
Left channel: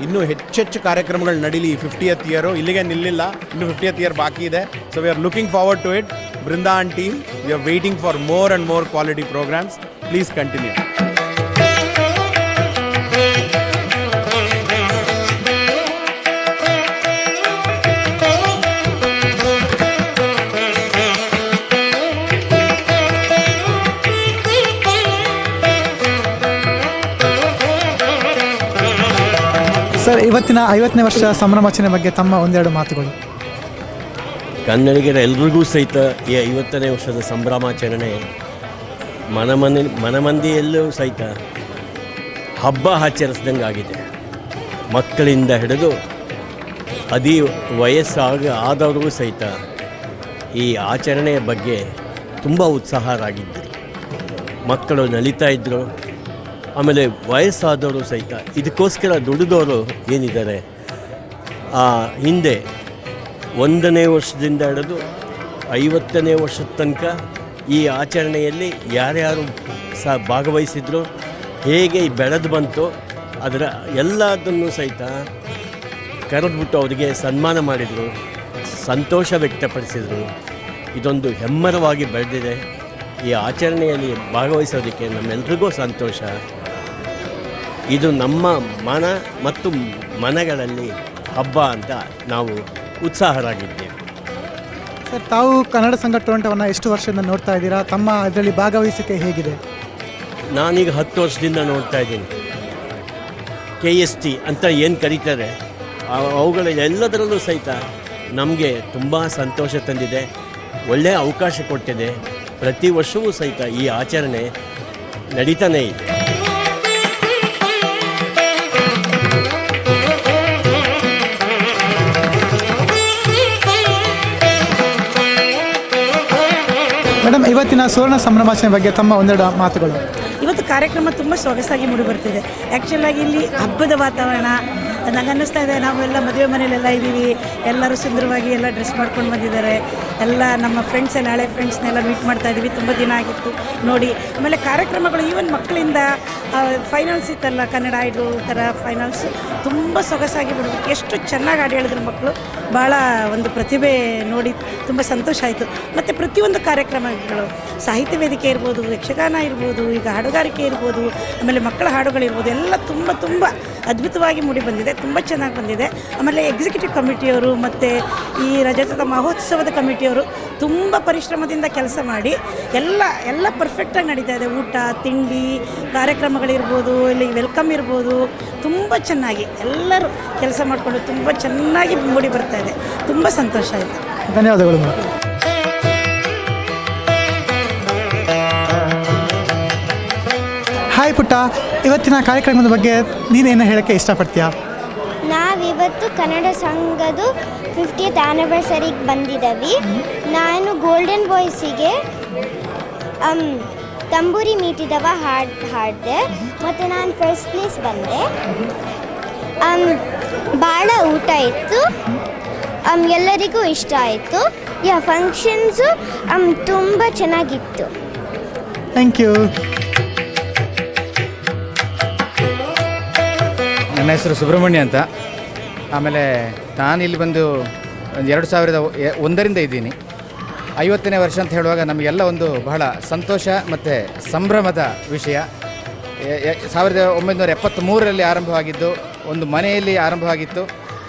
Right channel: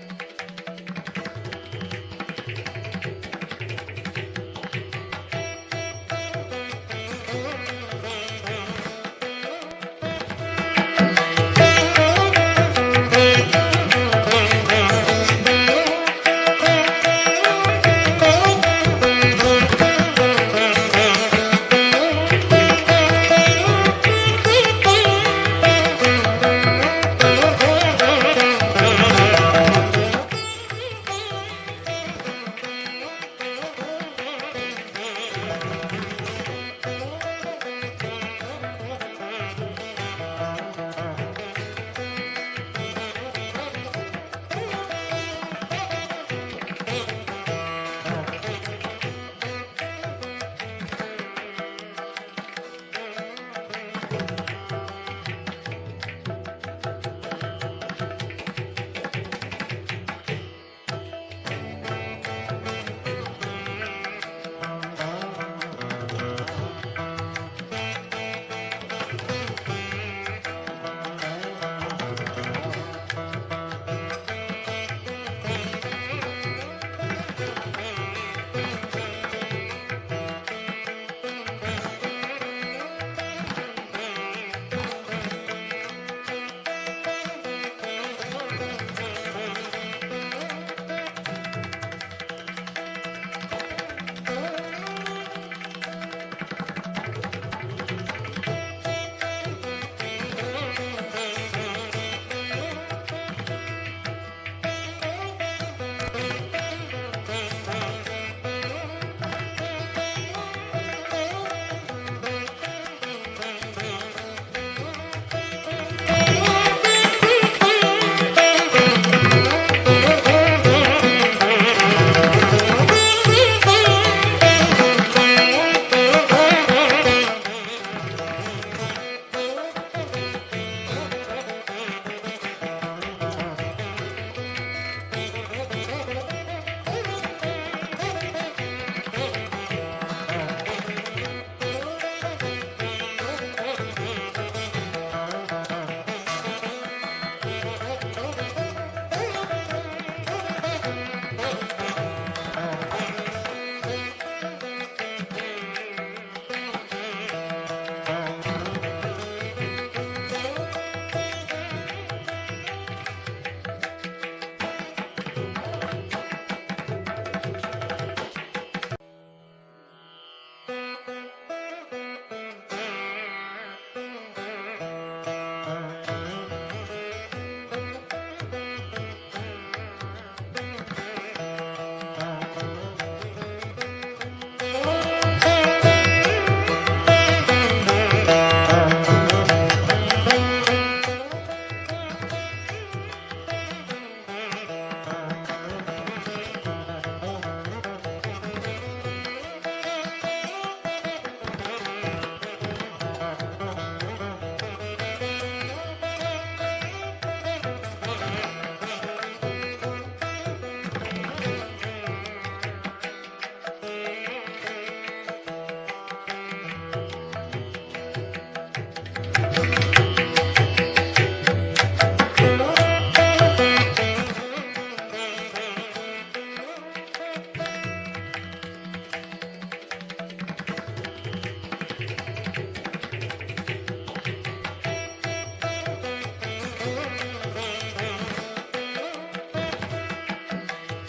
ಇನ್ನೂ ಹೆಚ್ಚೆಚ್ಚು ಕಾರ್ಯಕ್ರಮಗಳು ನಡೀಲಿ. 50th year ಇಲ್ಲಿಗೆ ನಿಲ್ಲಿಲ್ಲ, ಇನ್ನೂ 50th year ಬಾಕಿ ಇದೆ. So we are looking forward to it. Brinda and team, we are waiting for more and more quality programmes. Please continue. ಇವತ್ತಿನ 50ನೇ ವರ್ಷ ಸಂಭ್ರಮಾಚರಣೆ ಬಗ್ಗೆ ತಮ್ಮ ಒಂದೆರಡು ಮಾತುಗಳು. ಕನ್ನಡಿಗರ ಎಲ್ರಿಗೂ ಸಹಿತ ಈ 50ನೇ ವರ್ಷದ ಸಂಭ್ರಮಾಚರಣೆ ಮನಮಂದಿಯಲ್ಲೂ ಸಹಿತ ಹಬ್ಬ ಆಚರಿಸಿದಂಗೆ ಆಗಿದೆ. ಮಕ್ಕಳಿಂದ ಹಿಡಿದು ಆದವ್ರಿಗೂ ಸಹಿತ ಈ ಆಚರಣೆಯ ಬಗ್ಗೆ ತುಂಬ ಉತ್ಸಾಹರಾಗಿದ್ದರು. ಮಕ್ಕಳು ನಲಿತಾ ಇದ್ದರು. ಆಮೇಲೆ ವಯಸ್ಸಾದವರು ಸಹಿತ ಇದಕ್ಕೋಸ್ಕರ ದುಡಿದವರು ಏನಿದ್ದಾರೆ, ಹಿಂದೆ 1ನೇ ವರ್ಷದಿಂದ ಹಿಡಿದು 50ನೇ ವರ್ಷದ ತನಕ ಈ ಆಚರಣೆಯಲ್ಲಿ ಯಾರ್ಯಾರು ಭಾಗವಹಿಸಿದ್ರು, ಹೇಗೆ ಬೆಳೆದು ಬಂತು, ಅದರ ಎಲ್ಲದನ್ನು ಸಹಿತ ಕರೆದ್ಬಿಟ್ಟು ಅವರಿಗೆ ಸನ್ಮಾನ ಮಾಡಿದರು, ಸಂತೋಷ ವ್ಯಕ್ತಪಡಿಸಿದರು. ಇದೊಂದು ಹೆಮ್ಮರವಾಗಿ ಬೆಳೆದಿದೆ. ಈ ಆಚರಣೆಯಲ್ಲಿ ಭಾಗವಹಿಸೋದಕ್ಕೆ ನಮ್ಮೆಲ್ರಿಗೂ ಸಂತೋಷ. ಇದು ನಮ್ಮ ಮನ ಮತ್ತು ಮನಗಳಲ್ಲಿ ಹಬ್ಬ ಅಂತ ನಾವು ಉತ್ಸಾಹರಾಗಿದ್ದೇವೆ. ಸರ್, ತಾವು ಕನ್ನಡ ಸಂಘ ಟೊರೊಂಟೋವನ್ನು ಎಷ್ಟು ವರ್ಷದಿಂದ ನೋಡ್ತಾ ಇದ್ದೀರಾ? ತಮ್ಮ ಅದರಲ್ಲಿ ಭಾಗವಹಿಸಿಕೆ ಹೇಗಿದೆ? ನಾನೀಗ 10 ವರ್ಷದಿಂದ ನೋಡ್ತಾ ಇದ್ದೀನಿ. KST ಅಂತ ಏನು ಕರೀತಾರೆ ಅವುಗಳೆಲ್ಲದರಲ್ಲೂ ಸಹಿತ ನಮಗೆ ತುಂಬ ಸಂತೋಷ ತಂದಿದೆ, ಒಳ್ಳೆಯ ಅವಕಾಶ ಕೊಟ್ಟಿದೆ. ಪ್ರತಿ ವರ್ಷವೂ ಸಹಿತ ಈ ಆಚರಣೆ ನಡೀತಾನೇ ಇದೆ. ಮೇಡಮ್, ಇವತ್ತಿನ ಸುವರ್ಣ ಸಂಭ್ರಮಾಚರಣೆ ಬಗ್ಗೆ ತಮ್ಮ ಒಂದೆರಡು ಮಾತುಗಳು. ಇವತ್ತು ಕಾರ್ಯಕ್ರಮ ತುಂಬ ಸೊಗಸಾಗಿ ಮೂಡಿಬರ್ತಿದೆ. ಆ್ಯಕ್ಚುಲಾಗಿ ಇಲ್ಲಿ ಹಬ್ಬದ ವಾತಾವರಣ ನನಗೆ ಅನ್ನಿಸ್ತಾ ಇದೆ. ನಾವೆಲ್ಲ ಮದುವೆ ಮನೆಯಲ್ಲೆಲ್ಲ ಇದ್ದೀವಿ, ಎಲ್ಲರೂ ಸುಂದರವಾಗಿ ಎಲ್ಲ ಡ್ರೆಸ್ ಮಾಡ್ಕೊಂಡು ಬಂದಿದ್ದಾರೆ. ಎಲ್ಲ ನಮ್ಮ ಫ್ರೆಂಡ್ಸೇ, ನಾಳೆ ಫ್ರೆಂಡ್ಸ್ನೆಲ್ಲ ಮೀಟ್ ಮಾಡ್ತಾ ಇದ್ದೀವಿ. ತುಂಬ ದಿನ ಆಗಿತ್ತು ನೋಡಿ. ಆಮೇಲೆ ಕಾರ್ಯಕ್ರಮಗಳು ಈವನ್ ಮಕ್ಕಳಿಂದ ಫೈನಲ್ಸ್ ಇತ್ತಲ್ಲ, ಕನ್ನಡ ಐಡಲ್ ಥರ ಫೈನಲ್ಸ್ ತುಂಬ ಸೊಗಸಾಗಿ ಬಿಡಬೇಕು. ಎಷ್ಟು ಚೆನ್ನಾಗಿ ಹಾಡು ಹೇಳಿದ್ರು ಮಕ್ಕಳು. ಭಾಳ ಒಂದು ಪ್ರತಿಭೆ ನೋಡಿ ತುಂಬ ಸಂತೋಷ ಆಯಿತು. ಮತ್ತು ಪ್ರತಿಯೊಂದು ಕಾರ್ಯಕ್ರಮಗಳು, ಸಾಹಿತ್ಯ ವೇದಿಕೆ ಇರ್ಬೋದು, ಯಕ್ಷಗಾನ ಇರ್ಬೋದು, ಈಗ ಹಾಡುಗಾರಿಕೆ ಇರ್ಬೋದು, ಆಮೇಲೆ ಮಕ್ಕಳ ಹಾಡುಗಳಿರ್ಬೋದು, ಎಲ್ಲ ತುಂಬ ತುಂಬ ಅದ್ಭುತವಾಗಿ ಮೂಡಿ ಬಂದಿದೆ. ತುಂಬ ಚೆನ್ನಾಗಿ ಬಂದಿದೆ. ಆಮೇಲೆ ಎಕ್ಸಿಕ್ಯೂಟಿವ್ ಕಮಿಟಿಯವರು ಮತ್ತು ಈ ರಜತ ಮಹೋತ್ಸವದ ಕಮಿಟಿಯವರು ತುಂಬ ಪರಿಶ್ರಮದಿಂದ ಕೆಲಸ ಮಾಡಿ ಎಲ್ಲ ಪರ್ಫೆಕ್ಟಾಗಿ ನಡೀತಾ ಇದೆ. ಊಟ ತಿಂಡಿ ಕಾರ್ಯಕ್ರಮಗಳಿರ್ಬೋದು, ಇಲ್ಲಿ ವೆಲ್ಕಮ್ ಇರ್ಬೋದು, ತುಂಬ ಚೆನ್ನಾಗಿ ಎಲ್ಲರೂ ಕೆಲಸ ಮಾಡಿಕೊಂಡು ತುಂಬ ಚೆನ್ನಾಗಿ ಮೂಡಿ ಬರ್ತಾ ಇದೆ. ತುಂಬ ಸಂತೋಷ ಆಯಿತು. ಧನ್ಯವಾದಗಳು. ಹಾಯ್ ಪುಟ್ಟ, ಇವತ್ತಿನ ಕಾರ್ಯಕ್ರಮದ ಬಗ್ಗೆ ನೀನೇನು ಹೇಳೋಕ್ಕೆ ಇಷ್ಟಪಡ್ತೀಯಾ? ನಾವಿವತ್ತು ಕನ್ನಡ ಸಂಘದ 50th ಆ್ಯನಿವರ್ಸರಿಗೆ ಬಂದಿದ್ದೀವಿ. ನಾನು ಗೋಲ್ಡನ್ ಬಾಯ್ಸಿಗೆ ತಂಬೂರಿ ಮೀಟಿದವ ಹಾಡಿದೆ ಮತ್ತು ನಾನು ಫಸ್ಟ್ ಪ್ಲೇಸ್ ಬಂದೆ. ಭಾಳ ಊಟ ಇತ್ತು, ಎಲ್ಲರಿಗೂ ಇಷ್ಟ ಆಯಿತು. ಫಂಕ್ಷನ್ಸು ತುಂಬ ಚೆನ್ನಾಗಿತ್ತು. Thank you. ನನ್ನ ಹೆಸರು ಸುಬ್ರಹ್ಮಣ್ಯ ಅಂತ. ಆಮೇಲೆ ನಾನು ಇಲ್ಲಿ ಬಂದು 2001ರಿಂದ ಇದ್ದೀನಿ. 50ನೇ ವರ್ಷ ಅಂತ ಹೇಳುವಾಗ ನಮಗೆಲ್ಲ ಒಂದು ಬಹಳ ಸಂತೋಷ ಮತ್ತು ಸಂಭ್ರಮದ ವಿಷಯ. 1973ರಲ್ಲಿ ಆರಂಭವಾಗಿದ್ದು, ಒಂದು ಮನೆಯಲ್ಲಿ ಆರಂಭವಾಗಿತ್ತು.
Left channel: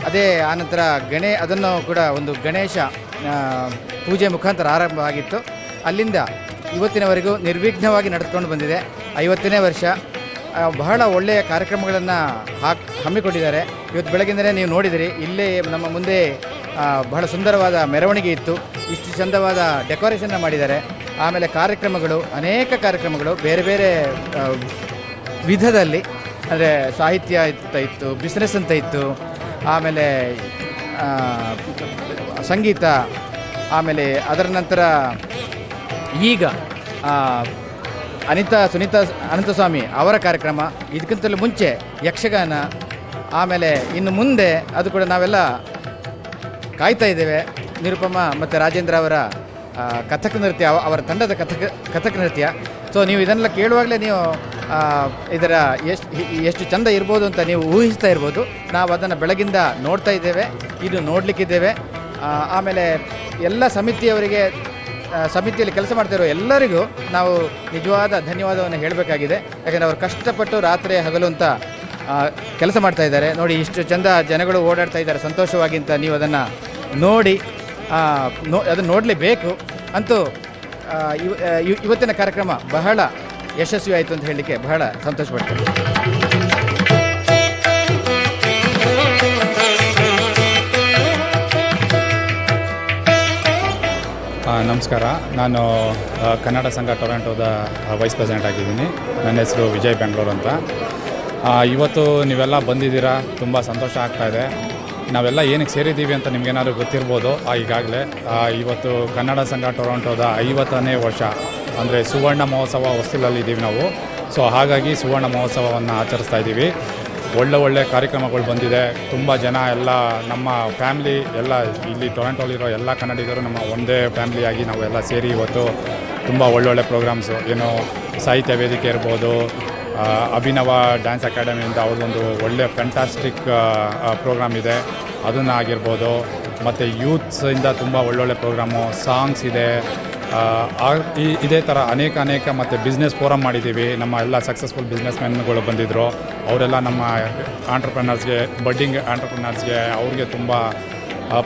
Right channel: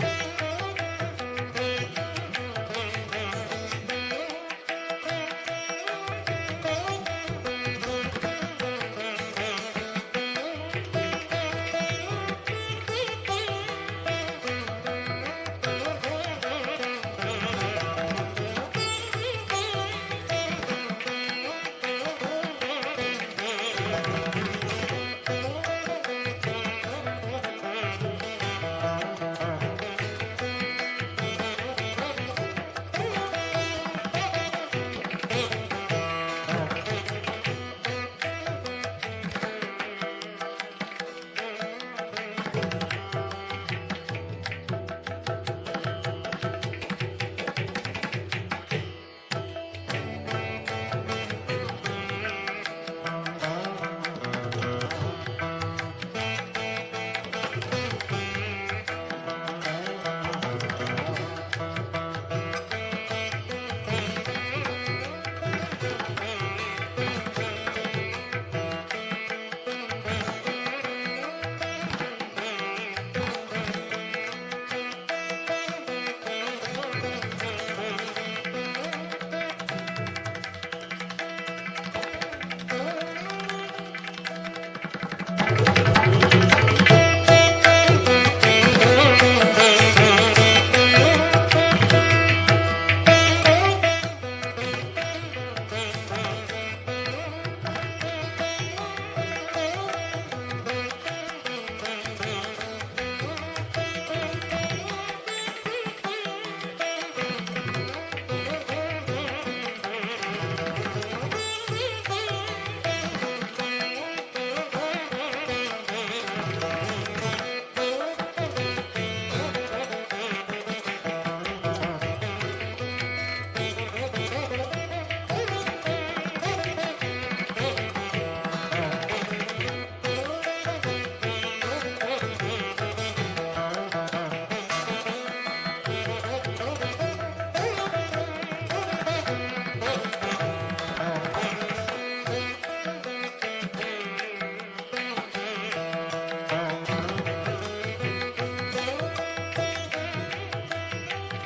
ಅದೇ ಆನಂತರ ಅದನ್ನು ಕೂಡ ಒಂದು ಗಣೇಶ ಪೂಜೆ ಮುಖಾಂತರ ಆರಂಭವಾಗಿತ್ತು. ಅಲ್ಲಿಂದ ಇವತ್ತಿನವರೆಗೂ ನಿರ್ವಿಘ್ನವಾಗಿ ನಡೆದುಕೊಂಡು ಬಂದಿದೆ. 50ನೇ ವರ್ಷ. ಬಹಳ ಒಳ್ಳೆಯ ಕಾರ್ಯಕ್ರಮಗಳನ್ನು ಹಮ್ಮಿಕೊಂಡಿದ್ದಾರೆ. ಇವತ್ತು ಬೆಳಗಿಂದಲೇ ನೀವು ನೋಡಿದಿರಿ, ಇಲ್ಲೇ ನಮ್ಮ ಮುಂದೆ ಬಹಳ ಸುಂದರವಾದ ಮೆರವಣಿಗೆ ಇತ್ತು. ಇಷ್ಟು ಚಂದವಾದ ಡೆಕೋರೇಷನ್ನ ಮಾಡಿದ್ದಾರೆ. ಆಮೇಲೆ ಅನೇಕ ಕಾರ್ಯಕ್ರಮಗಳು ಬೇರೆ ಬೇರೆ ವಿಧದಲ್ಲಿ, ಅಂದರೆ ಸಾಹಿತ್ಯ ಅಂತ ಇತ್ತು, ಬಿಸ್ನೆಸ್ ಅಂತ ಇತ್ತು, ಆಮೇಲೆ ಸಂಗೀತ, ಆಮೇಲೆ ಅದರ ನಂತರ ಈಗ ಸುನೀತಾ ಅನಂತಸ್ವಾಮಿ ಅವರ ಕಾರ್ಯಕ್ರಮ, ಇದಕ್ಕಿಂತಲೂ ಮುಂಚೆ ಯಕ್ಷಗಾನ, ಆಮೇಲೆ ಇನ್ನು ಮುಂದೆ ಅದು ಕೂಡ ನಾವೆಲ್ಲ ಕಾಯ್ತಾ ಇದ್ದೇವೆ. ನಿರುಪಮಾ ಮತ್ತು ರಾಜೇಂದ್ರ ಅವರ ಕಥಕ್ ನೃತ್ಯ, ಅವರ ತಂಡದ ಕಥಕ್ ನೃತ್ಯ. ಸೊ ನೀವು ಇದನ್ನೆಲ್ಲ ಕೇಳುವಾಗಲೇ ನೀವು ಇದರ ಎಷ್ಟು ಚಂದ ಇರ್ಬೋದು ಅಂತ ನೀವು ಊಹಿಸ್ತಾ ಇರ್ಬೋದು. ನಾವು ಅದನ್ನು ಬೆಳಗಿಂದ ನೋಡ್ತಾ ಇದ್ದೇವೆ, ಇದು ನೋಡಲಿಕ್ಕಿದ್ದೇವೆ. ಆಮೇಲೆ ಎಲ್ಲ ಸಮಿತಿಯವರಿಗೆ, ಸಮಿತಿಯಲ್ಲಿ ಕೆಲಸ ಮಾಡ್ತಿರೋ ಎಲ್ಲರಿಗೂ ನಾವು ನಿಜವಾದ ಧನ್ಯವಾದವನ್ನು ಹೇಳಬೇಕಾಗಿದೆ. ಯಾಕೆಂದರೆ ಅವರು ಕಷ್ಟಪಟ್ಟು ರಾತ್ರಿ ಹಗಲು ಅಂತ ಕೆಲಸ ಮಾಡ್ತಾ ಇದ್ದಾರೆ. ನೋಡಿ, ಇಷ್ಟು ಚಂದ ಜನಗಳು ಓಡಾಡ್ತಾ ಇದ್ದಾರೆ ಸಂತೋಷವಾಗಿ ಅಂತ ನೀವು ಅದನ್ನು ನೋಡಿ ಅದನ್ನು ನೋಡಲೇಬೇಕು. ಅಂತೂ ಇವತ್ತಿನ ಕಾರ್ಯಕ್ರಮ ಬಹಳ ಯಶಸ್ವಿ ಆಯಿತು ಅಂತ ಹೇಳಲಿಕ್ಕೆ ಬಹಳ ಸಂತೋಷಪಡ್ತೀನಿ. ನಮಸ್ಕಾರ, ನಾನು ಕನ್ನಡ ಸಂಘ ಟೊರೊಂಟೋದ ವೈಸ್ ಪ್ರೆಸಿಡೆಂಟ್ ಆಗಿದ್ದೀನಿ. ನನ್ನ ಹೆಸರು ವಿಜಯ್ ಬೆಂಗಳೂರು ಅಂತ. ಇವತ್ತು ನೀವೆಲ್ಲ ಬಂದಿದ್ದೀರಾ, ತುಂಬ ಸಂತೋಷ ಆಗ್ತಾಯಿದೆ. ನಾವೆಲ್ಲ ಏನಕ್ಕೆ ಸೇರಿದ್ದೀವಿ ಅಂತ ನಿಮಗೇನಾದ್ರು ಗೊತ್ತಿರ್ಬೋದು. ಈಗಾಗಲೇ ಇವತ್ತು ಕನ್ನಡ ಸಂಘ ಟೊರೊಂಟೋದ 50ನೇ ವರ್ಷ, ಅಂದರೆ ಸುವರ್ಣ ಮಹೋತ್ಸವ ಹೊಸಲಲ್ಲಿದ್ದೀವಿ ನಾವು. ಸೊ ಹಾಗಾಗಿ ಸುವರ್ಣ ಮಹೋತ್ಸವವನ್ನು ಆಚರಿಸ್ತಾ ಇದ್ದೀವಿ. ಒಳ್ಳೆ ಕಾರ್ಯಕ್ರಮಗಳು ಬಂದಿದೆ. ತುಂಬ ಜನ ಎಲ್ಲ ನಮ್ಮ ಫ್ಯಾಮ್ಲಿ ಎಲ್ಲ ಇಲ್ಲಿ ಟೊರೊಂಟೋಲಿರೋ ಎಲ್ಲ ಕನ್ನಡಿಗರು ನಮ್ಮ ಒಂದೇ ಫ್ಯಾಮ್ಲಿಯಾಗಿ ನಾವೆಲ್ಲ ಸೇರಿ ಇವತ್ತು ತುಂಬ ಒಳ್ಳೊಳ್ಳೆ ಪ್ರೋಗ್ರಾಮ್ಸು, ಏನು ಸಾಹಿತ್ಯ ವೇದಿಕೆ ಇರ್ಬೋದು, ಅಭಿನವ ಡ್ಯಾನ್ಸ್ ಅಕಾಡೆಮಿಯಿಂದ ಅವ್ರದ್ದೊಂದು ಒಳ್ಳೆಯ ಫ್ಯಾಂಟಾಸ್ಟಿಕ್ ಪ್ರೋಗ್ರಾಮ್ ಇದೆ, ಅದನ್ನು ಆಗಿರ್ಬೋದು. ಮತ್ತು ಯೂತ್ಸಿಂದ ತುಂಬ ಒಳ್ಳೊಳ್ಳೆ ಪ್ರೋಗ್ರಾಮು, ಸಾಂಗ್ಸ್ ಇದೆ, ಇದೇ ಥರ ಅನೇಕ ಮತ್ತು ಬಿಸ್ನೆಸ್ ಫೋರಮ್ ಮಾಡಿದ್ದೀವಿ. ನಮ್ಮ ಎಲ್ಲ ಸಕ್ಸಸ್ಫುಲ್ ಬಿಸ್ನೆಸ್ ಮ್ಯಾನ್ಗಳು ಬಂದಿದ್ದರು. ಅವರೆಲ್ಲ ನಮ್ಮ ಆಂಟ್ರಪ್ರನರ್ಸ್ಗೆ, ಬಡ್ಡಿಂಗ್ ಆಂಟ್ರಪ್ರನರ್ಸ್ಗೆ ಅವ್ರಿಗೆ ತುಂಬ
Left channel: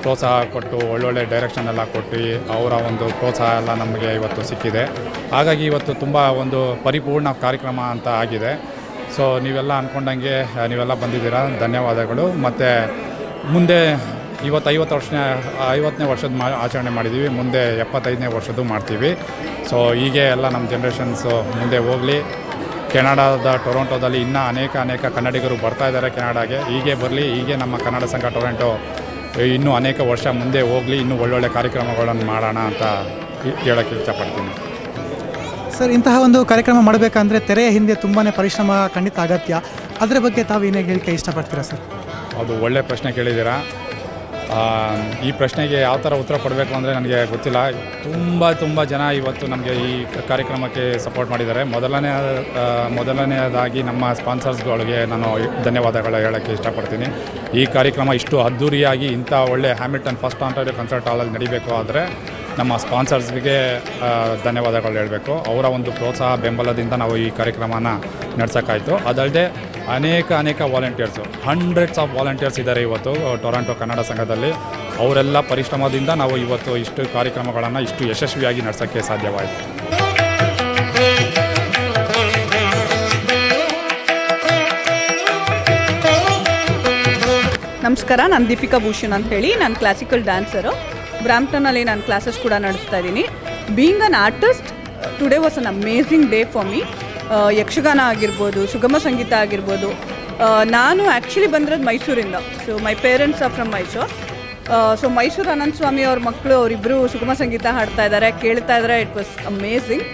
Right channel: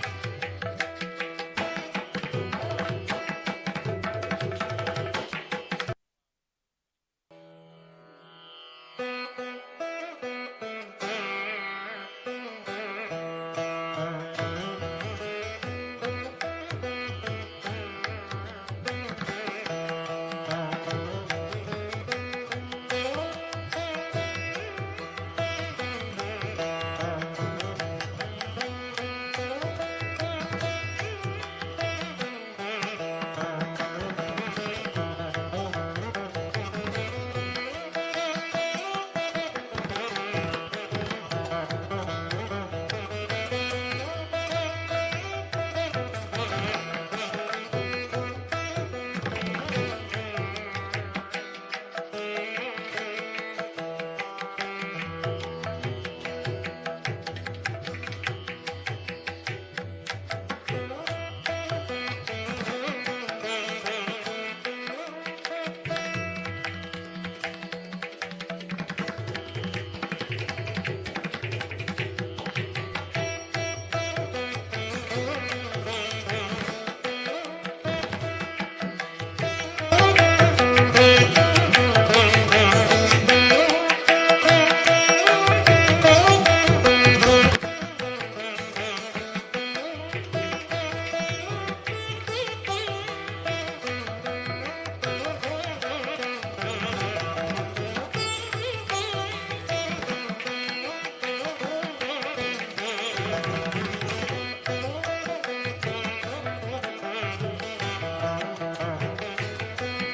ಪ್ರೋತ್ಸಾಹ ಕೊಟ್ಟು ಒಳ್ಳೊಳ್ಳೆ ಡೈರೆಕ್ಷನ್ ಎಲ್ಲ ಕೊಟ್ಟು ಅವರ ಒಂದು ಪ್ರೋತ್ಸಾಹ ಎಲ್ಲ ನಮಗೆ ಇವತ್ತು ಸಿಕ್ಕಿದೆ. ಹಾಗಾಗಿ ಇವತ್ತು ತುಂಬ ಒಂದು ಪರಿಪೂರ್ಣ ಕಾರ್ಯಕ್ರಮ ಅಂತ ಆಗಿದೆ. ಸೊ ನೀವೆಲ್ಲ ಅಂದ್ಕೊಂಡಂಗೆ ನೀವೆಲ್ಲ ಬಂದಿದ್ದೀರಾ, ಧನ್ಯವಾದಗಳು. ಮತ್ತು ಮುಂದೆ 50ನೇ ವರ್ಷದ ಆಚರಣೆ ಮಾಡಿದ್ದೀವಿ, ಮುಂದೆ 75ನೇ ವರ್ಷದ್ದು ಮಾಡ್ತೀವಿ. ಸೊ ಹೀಗೆ ಎಲ್ಲ ನಮ್ಮ ಜನ್ರೇಷನ್ಸು ಮುಂದೆ ಹೋಗಲಿ. ಕೆನಡಾದ ಟೊರೊಂಟೊದಲ್ಲಿ ಇನ್ನೂ ಅನೇಕ ಕನ್ನಡಿಗರು ಬರ್ತಾ ಇದ್ದಾರೆ ಕೆನಡಾಗೆ. ಹೀಗೆ ಬರಲಿ, ಹೀಗೆ ನಮ್ಮ ಕನ್ನಡ ಸಂಘ ಟೊರೊಂಟೊ ಇನ್ನೂ ಅನೇಕ ವರ್ಷ ಮುಂದೆ ಹೋಗಲಿ, ಇನ್ನೂ ಒಳ್ಳೊಳ್ಳೆ ಕಾರ್ಯಕ್ರಮಗಳನ್ನು ಮಾಡೋಣ ಅಂತ ಹೇಳೋಕ್ಕೆ ಇಷ್ಟಪಡ್ತೀನಿ. ಸರ್, ಇಂತಹ ಒಂದು ಕಾರ್ಯಕ್ರಮ ಮಾಡಬೇಕಂದ್ರೆ ತೆರೆಯ ಹಿಂದೆ ತುಂಬಾ ಪರಿಶ್ರಮ ಖಂಡಿತ ಅಗತ್ಯ. ಅದರ ಬಗ್ಗೆ ತಾವು ಏನೇ ಹೇಳಿಕೆ ಇಷ್ಟಪಡ್ತೀರಾ ಸರ್? ಅದು ಒಳ್ಳೆ ಪ್ರಶ್ನೆ ಕೇಳಿದ್ದೀರಾ. ಈ ಪ್ರಶ್ನೆಗೆ ಯಾವ ಥರ ಉತ್ತರ ಕೊಡಬೇಕು ಅಂದರೆ ನನಗೆ ಗೊತ್ತಿಲ್ಲ. ತುಂಬ ಜನ ಇವತ್ತು ನಮಗೆ ಈ ಕಾರ್ಯಕ್ರಮಕ್ಕೆ ಸಪೋರ್ಟ್ ಮಾಡಿದ್ದಾರೆ. ಮೊದಲನೆಯದಾಗಿ ನಮ್ಮ ಸ್ಪಾನ್ಸರ್ಸ್ಗಳಿಗೆ ನಾನು ಧನ್ಯವಾದಗಳು ಹೇಳೋಕ್ಕೆ ಇಷ್ಟಪಡ್ತೀನಿ. ಈ ಕಾರ್ಯಕ್ರಮ ಇಷ್ಟು ಅದ್ಧೂರಿಯಾಗಿ ಇಂಥ ಒಳ್ಳೆ ಹ್ಯಾಮಿಲ್ಟನ್ ಫಸ್ಟ್ ಆಂಟೋರಿಯೋ ಕನ್ಸರ್ಟ್ ಹಾಲಲ್ಲಿ ನಡೀಬೇಕು ಆದರೆ ನಮ್ಮ ಸ್ಪಾನ್ಸರ್ಸ್ಗೆ ಧನ್ಯವಾದಗಳು ಹೇಳಬೇಕು. ಅವರ ಒಂದು ಪ್ರೋತ್ಸಾಹ ಬೆಂಬಲದಿಂದ ನಾವು ಈ ಕಾರ್ಯಕ್ರಮನ ನಡೆಸೋಕ್ಕಾಯಿತು. ಅದಲ್ಲದೆ ಅನೇಕ ವಾಲಂಟಿಯರ್ಸು, ಹಂಡ್ರೆಡ್ಸ್ ಆಫ್ ವಾಲಂಟಿಯರ್ಸ್ ಇದ್ದಾರೆ ಇವತ್ತು ಟೊರೊಂಟೊ ಕನ್ನಡ ಸಂಘದಲ್ಲಿ. ಅವರೆಲ್ಲ ಪರಿಶ್ರಮದಿಂದ ನಾವು ಇವತ್ತು ಇಷ್ಟು ಕಾರ್ಯಕ್ರಮಗಳನ್ನು ಇಷ್ಟು ಯಶಸ್ವಿಯಾಗಿ ನಡೆಸೋಕ್ಕೆ ಸಾಧ್ಯವಾಯಿತು. ನಮಸ್ಕಾರ, ನಾನು ದೀಪಿಕಾ ಭೂಷಣ್ ಅಂತ ಹೇಳಿ. ನಾನು ಕ್ಲಾಸಿಕಲ್ ಡ್ಯಾನ್ಸರು. ಬ್ರಾಂಪ್ಟನಲ್ಲಿ ನಾನು ಕ್ಲಾಸಸ್ ಕೂಡ ನಡೆಸ್ತಾ ಇದ್ದೀನಿ. Being an artist, today was an amazing day for me. Yakshagana ಆಗಿರ್ಬೋದು, ಸುಗಮ ಸಂಗೀತ ಆಗಿರ್ಬೋದು. ನಾನು ಆ್ಯಕ್ಚುಲಿ ಬಂದಿರೋದು ಮೈಸೂರಿಂದ. So my parents are from Mysuru. So Mysuru Anantha Swamy ಅವ್ರ ಮಕ್ಕಳು ಅವರಿಬ್ಬರು ಸುಗಮ ಸಂಗೀತ ಹಾಡ್ತಾ ಇದ್ದಾರೆ, ಕೇಳ್ತಾ ಇದ್ದಾರೆ. It was amazing.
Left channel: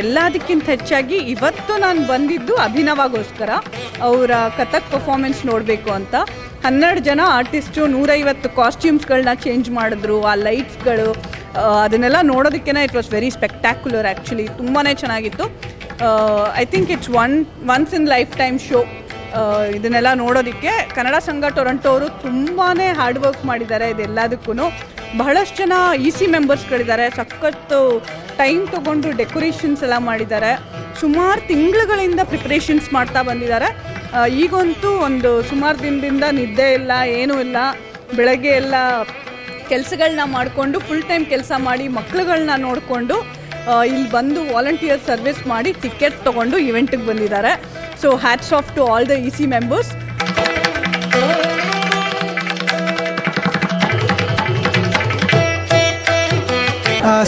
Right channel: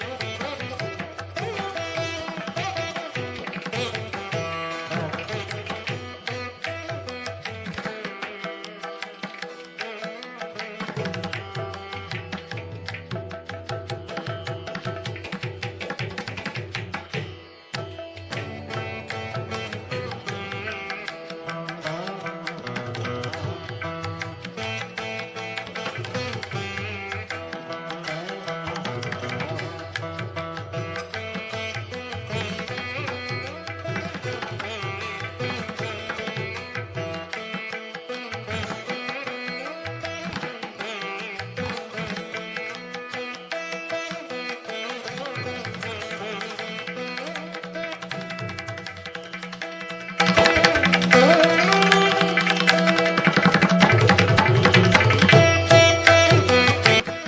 ಎಲ್ಲದಕ್ಕಿಂತ ಹೆಚ್ಚಾಗಿ ಇವತ್ತು ನಾನು ಬಂದಿದ್ದು ಅಭಿನವಾಗೋಸ್ಕರ, ಅವರ ಕಥಕ್ ಪರ್ಫಾರ್ಮೆನ್ಸ್ ನೋಡಬೇಕು ಅಂತ. 12 ಜನ ಆರ್ಟಿಸ್ಟು 150 ಕಾಸ್ಟ್ಯೂಮ್ಸ್ಗಳನ್ನ ಚೇಂಜ್ ಮಾಡಿದ್ರು. ಆ ಲೈಟ್ಸ್ಗಳು ಅದನ್ನೆಲ್ಲ ನೋಡೋದಕ್ಕೆ it was very spectacular. Actually ತುಂಬಾ ಚೆನ್ನಾಗಿತ್ತು. I think it's once in life time show. ಇದನ್ನೆಲ್ಲ ನೋಡೋದಕ್ಕೆ ಕನ್ನಡ ಸಂಘ ಟೊರೊಂಟೊ ಅವರು ತುಂಬಾ ಹಾರ್ಡ್ ವರ್ಕ್ ಮಾಡಿದ್ದಾರೆ ಇದೆಲ್ಲದಕ್ಕೂ. ಬಹಳಷ್ಟು ಜನ EC ಮೆಂಬರ್ಸ್ಗಳಿದ್ದಾರೆ. ಸಖತ್ತು ಟೈಮ್ ತೊಗೊಂಡು ಡೆಕೋರೇಷನ್ಸ್ ಎಲ್ಲ ಮಾಡಿದ್ದಾರೆ. ಸುಮಾರು ತಿಂಗಳುಗಳಿಂದ ಪ್ರಿಪ್ರೇಷನ್ಸ್ ಮಾಡ್ತಾ ಬಂದಿದ್ದಾರೆ. ಈಗಂತೂ ಒಂದು ಸುಮಾರು ದಿನದಿಂದ ನಿದ್ದೆ ಇಲ್ಲ, ಏನೂ ಇಲ್ಲ. ಬೆಳಗ್ಗೆ ಎಲ್ಲ ಕೆಲಸಗಳನ್ನ ಮಾಡಿಕೊಂಡು ಫುಲ್ ಟೈಮ್ ಕೆಲಸ ಮಾಡಿ ಮಕ್ಕಳುಗಳನ್ನ ನೋಡಿಕೊಂಡು ಇಲ್ಲಿ ಬಂದು ವಾಲಂಟಿಯರ್ ಸರ್ವಿಸ್ ಮಾಡಿ ಟಿಕೆಟ್ ತೊಗೊಂಡು ಇವೆಂಟಿಗೆ ಬಂದಿದ್ದಾರೆ. So hats off to all the EC members.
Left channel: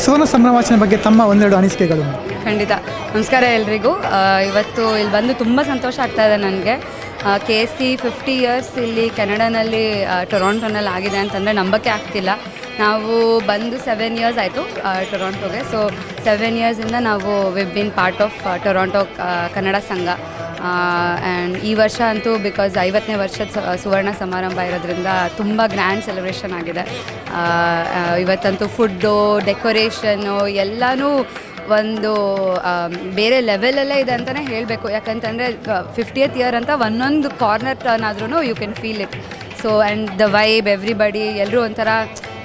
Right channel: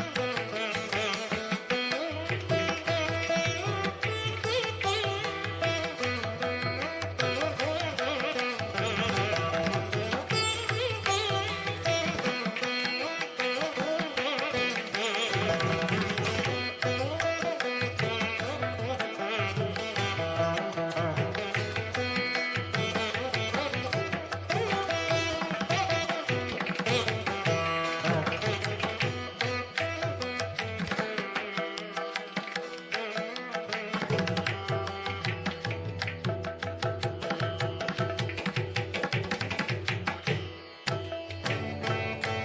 ಸುವರ್ಣ ಸಂಭ್ರಮಾಚರಣೆ ಬಗ್ಗೆ ತಮ್ಮ ಒಂದೆರಡು ಅನಿಸಿಕೆಗಳು. ಖಂಡಿತ. ನಮಸ್ಕಾರ ಎಲ್ರಿಗೂ. ಇವತ್ತು ಇಲ್ಲಿ ಬಂದು ತುಂಬ ಸಂತೋಷ ಆಗ್ತಾಯಿದೆ ನನಗೆ. KST 50 ಇಯರ್ಸ್ ಇಲ್ಲಿ ಕೆನಡಾನಲ್ಲಿ ಟೊರೊಂಟೊನಲ್ಲಿ ಆಗಿದೆ ಅಂತಂದರೆ ನಂಬಕ್ಕೆ ಆಗ್ತಿಲ್ಲ. ನಾವು ಬಂದು 7 ಇಯರ್ಸ್ ಆಯಿತು ಟೊರೊಂಟೊಗೆ. ಸೊ 7 ಇಯರ್ಸಿಂದ ನಾವು we've been part of Toronto Kannada Sangha. And ಈ ವರ್ಷ ಅಂತೂ ಬಿಕಾಸ್ 50ನೇ ವರ್ಷದ ಸುವರ್ಣ ಸಮಾರಂಭ ಇರೋದ್ರಿಂದ ತುಂಬ ಗ್ರ್ಯಾಂಡ್ ಸೆಲೆಬ್ರೇಷನ್ ಆಗಿದೆ. ಇವತ್ತಂತೂ ಫುಡ್ಡು, ಡೆಕೋರೇಷನ್ನು ಎಲ್ಲನೂ ಒಂದು ಬೇರೆ ಲೆವೆಲಲ್ಲೇ ಇದೆ ಅಂತಲೇ ಹೇಳಬೇಕು. ಯಾಕಂತಂದರೆ 50th ಇಯರ್ ಅಂತ ಒಂದೊಂದು ಕಾರ್ನರ್ ಟರ್ನ್ ಆದ್ರೂ you can feel it. So and the vibe, everybody ಎಲ್ಲರೂ ಒಂಥರ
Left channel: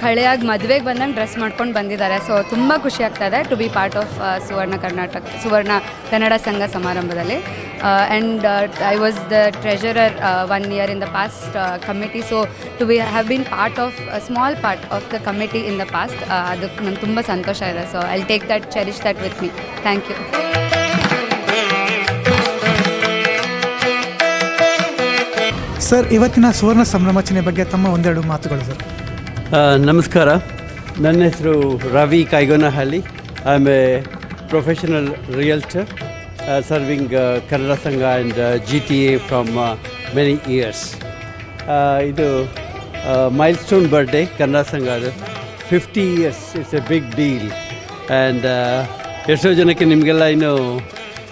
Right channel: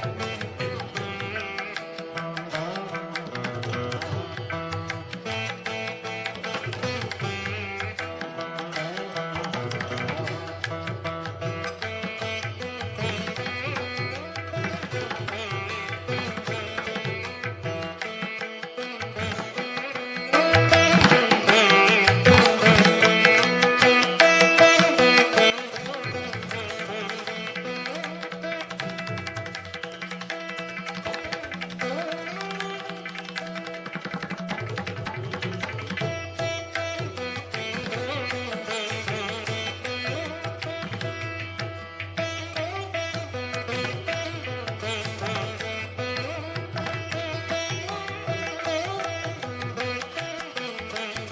ಹಳೆಯಾಗಿ ಮದುವೆಗೆ ಬಂದಂಗೆ ಡ್ರೆಸ್ ಮಾಡ್ಕೊಂಡು ಬಂದಿದ್ದಾರೆ. ಸೊ ತುಂಬ ಖುಷಿ ಆಗ್ತಾಯಿದೆ ಟು ಬಿ ಪಾರ್ಟ್ ಆಫ್ ಸುವರ್ಣ ಕನ್ನಡ ಸಂಘ ಸಮಾರಂಭದಲ್ಲಿ. And I was the treasurer 1 year in the past committee. So to be have been part of a small part of the committee in the past, ಅದಕ್ಕೆ ನಂಗೆ ತುಂಬ ಸಂತೋಷ ಇದೆ. So I'll take that, cherish that with me. Thank you. Sir, ಇವತ್ತಿನ ಸುವರ್ಣ ಸಂಭ್ರಮಾಚರಣೆ ಬಗ್ಗೆ ತಮ್ಮ ಒಂದೆರಡು ಮಾತುಗಳು ಸರ್. ನಮಸ್ಕಾರ, ನನ್ನ ಹೆಸರು Ravi Kaigonahalli. I am a professional realtor serving Kannada Sangha and GTA from many years. ಇದು ಮೈಲ್ಸ್ಟೋನ್ ಬರ್ಡೇ ಕನ್ನಡ ಸಂಘ. ಅದು 50 years it's a big deal. And ಎಷ್ಟೋ ಜನಕ್ಕೆ ನಿಮಗೆಲ್ಲ ಇನ್ನೂ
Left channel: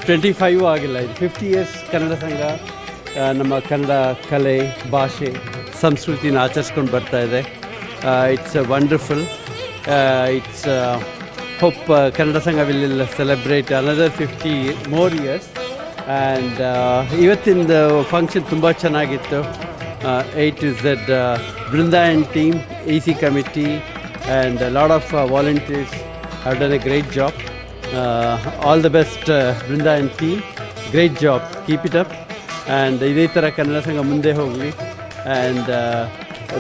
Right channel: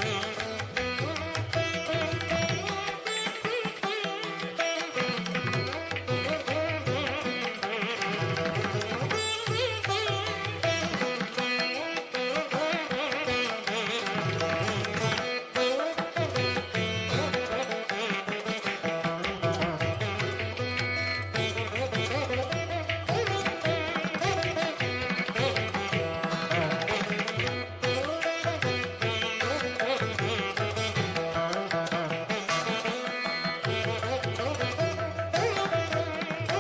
25 ಆಗಿಲ್ಲ. ಇದು 50 years ಕನ್ನಡ ಸಂಘ ನಮ್ಮ ಕನ್ನಡ ಕಲೆ, ಭಾಷೆ, ಸಂಸ್ಕೃತಿನ ಆಚರಿಸ್ಕೊಂಡು ಬರ್ತಾಯಿದೆ. It's wonderful. It's hope Kannada Sangha will celebrate another 50 more years. And ಇವತ್ತಿನ ಫಂಕ್ಷನ್ ತುಂಬ ಚೆನ್ನಾಗಿತ್ತು. A to Z Brindayan team, EC committee and lot of volunteers have done a great job. All the best, Brinda and team. Great job. Keep it up. And ಇದೇ ಥರ ಕನ್ನಡ ಸಂಘ ಮುಂದೆ ಹೋಗಲಿ. And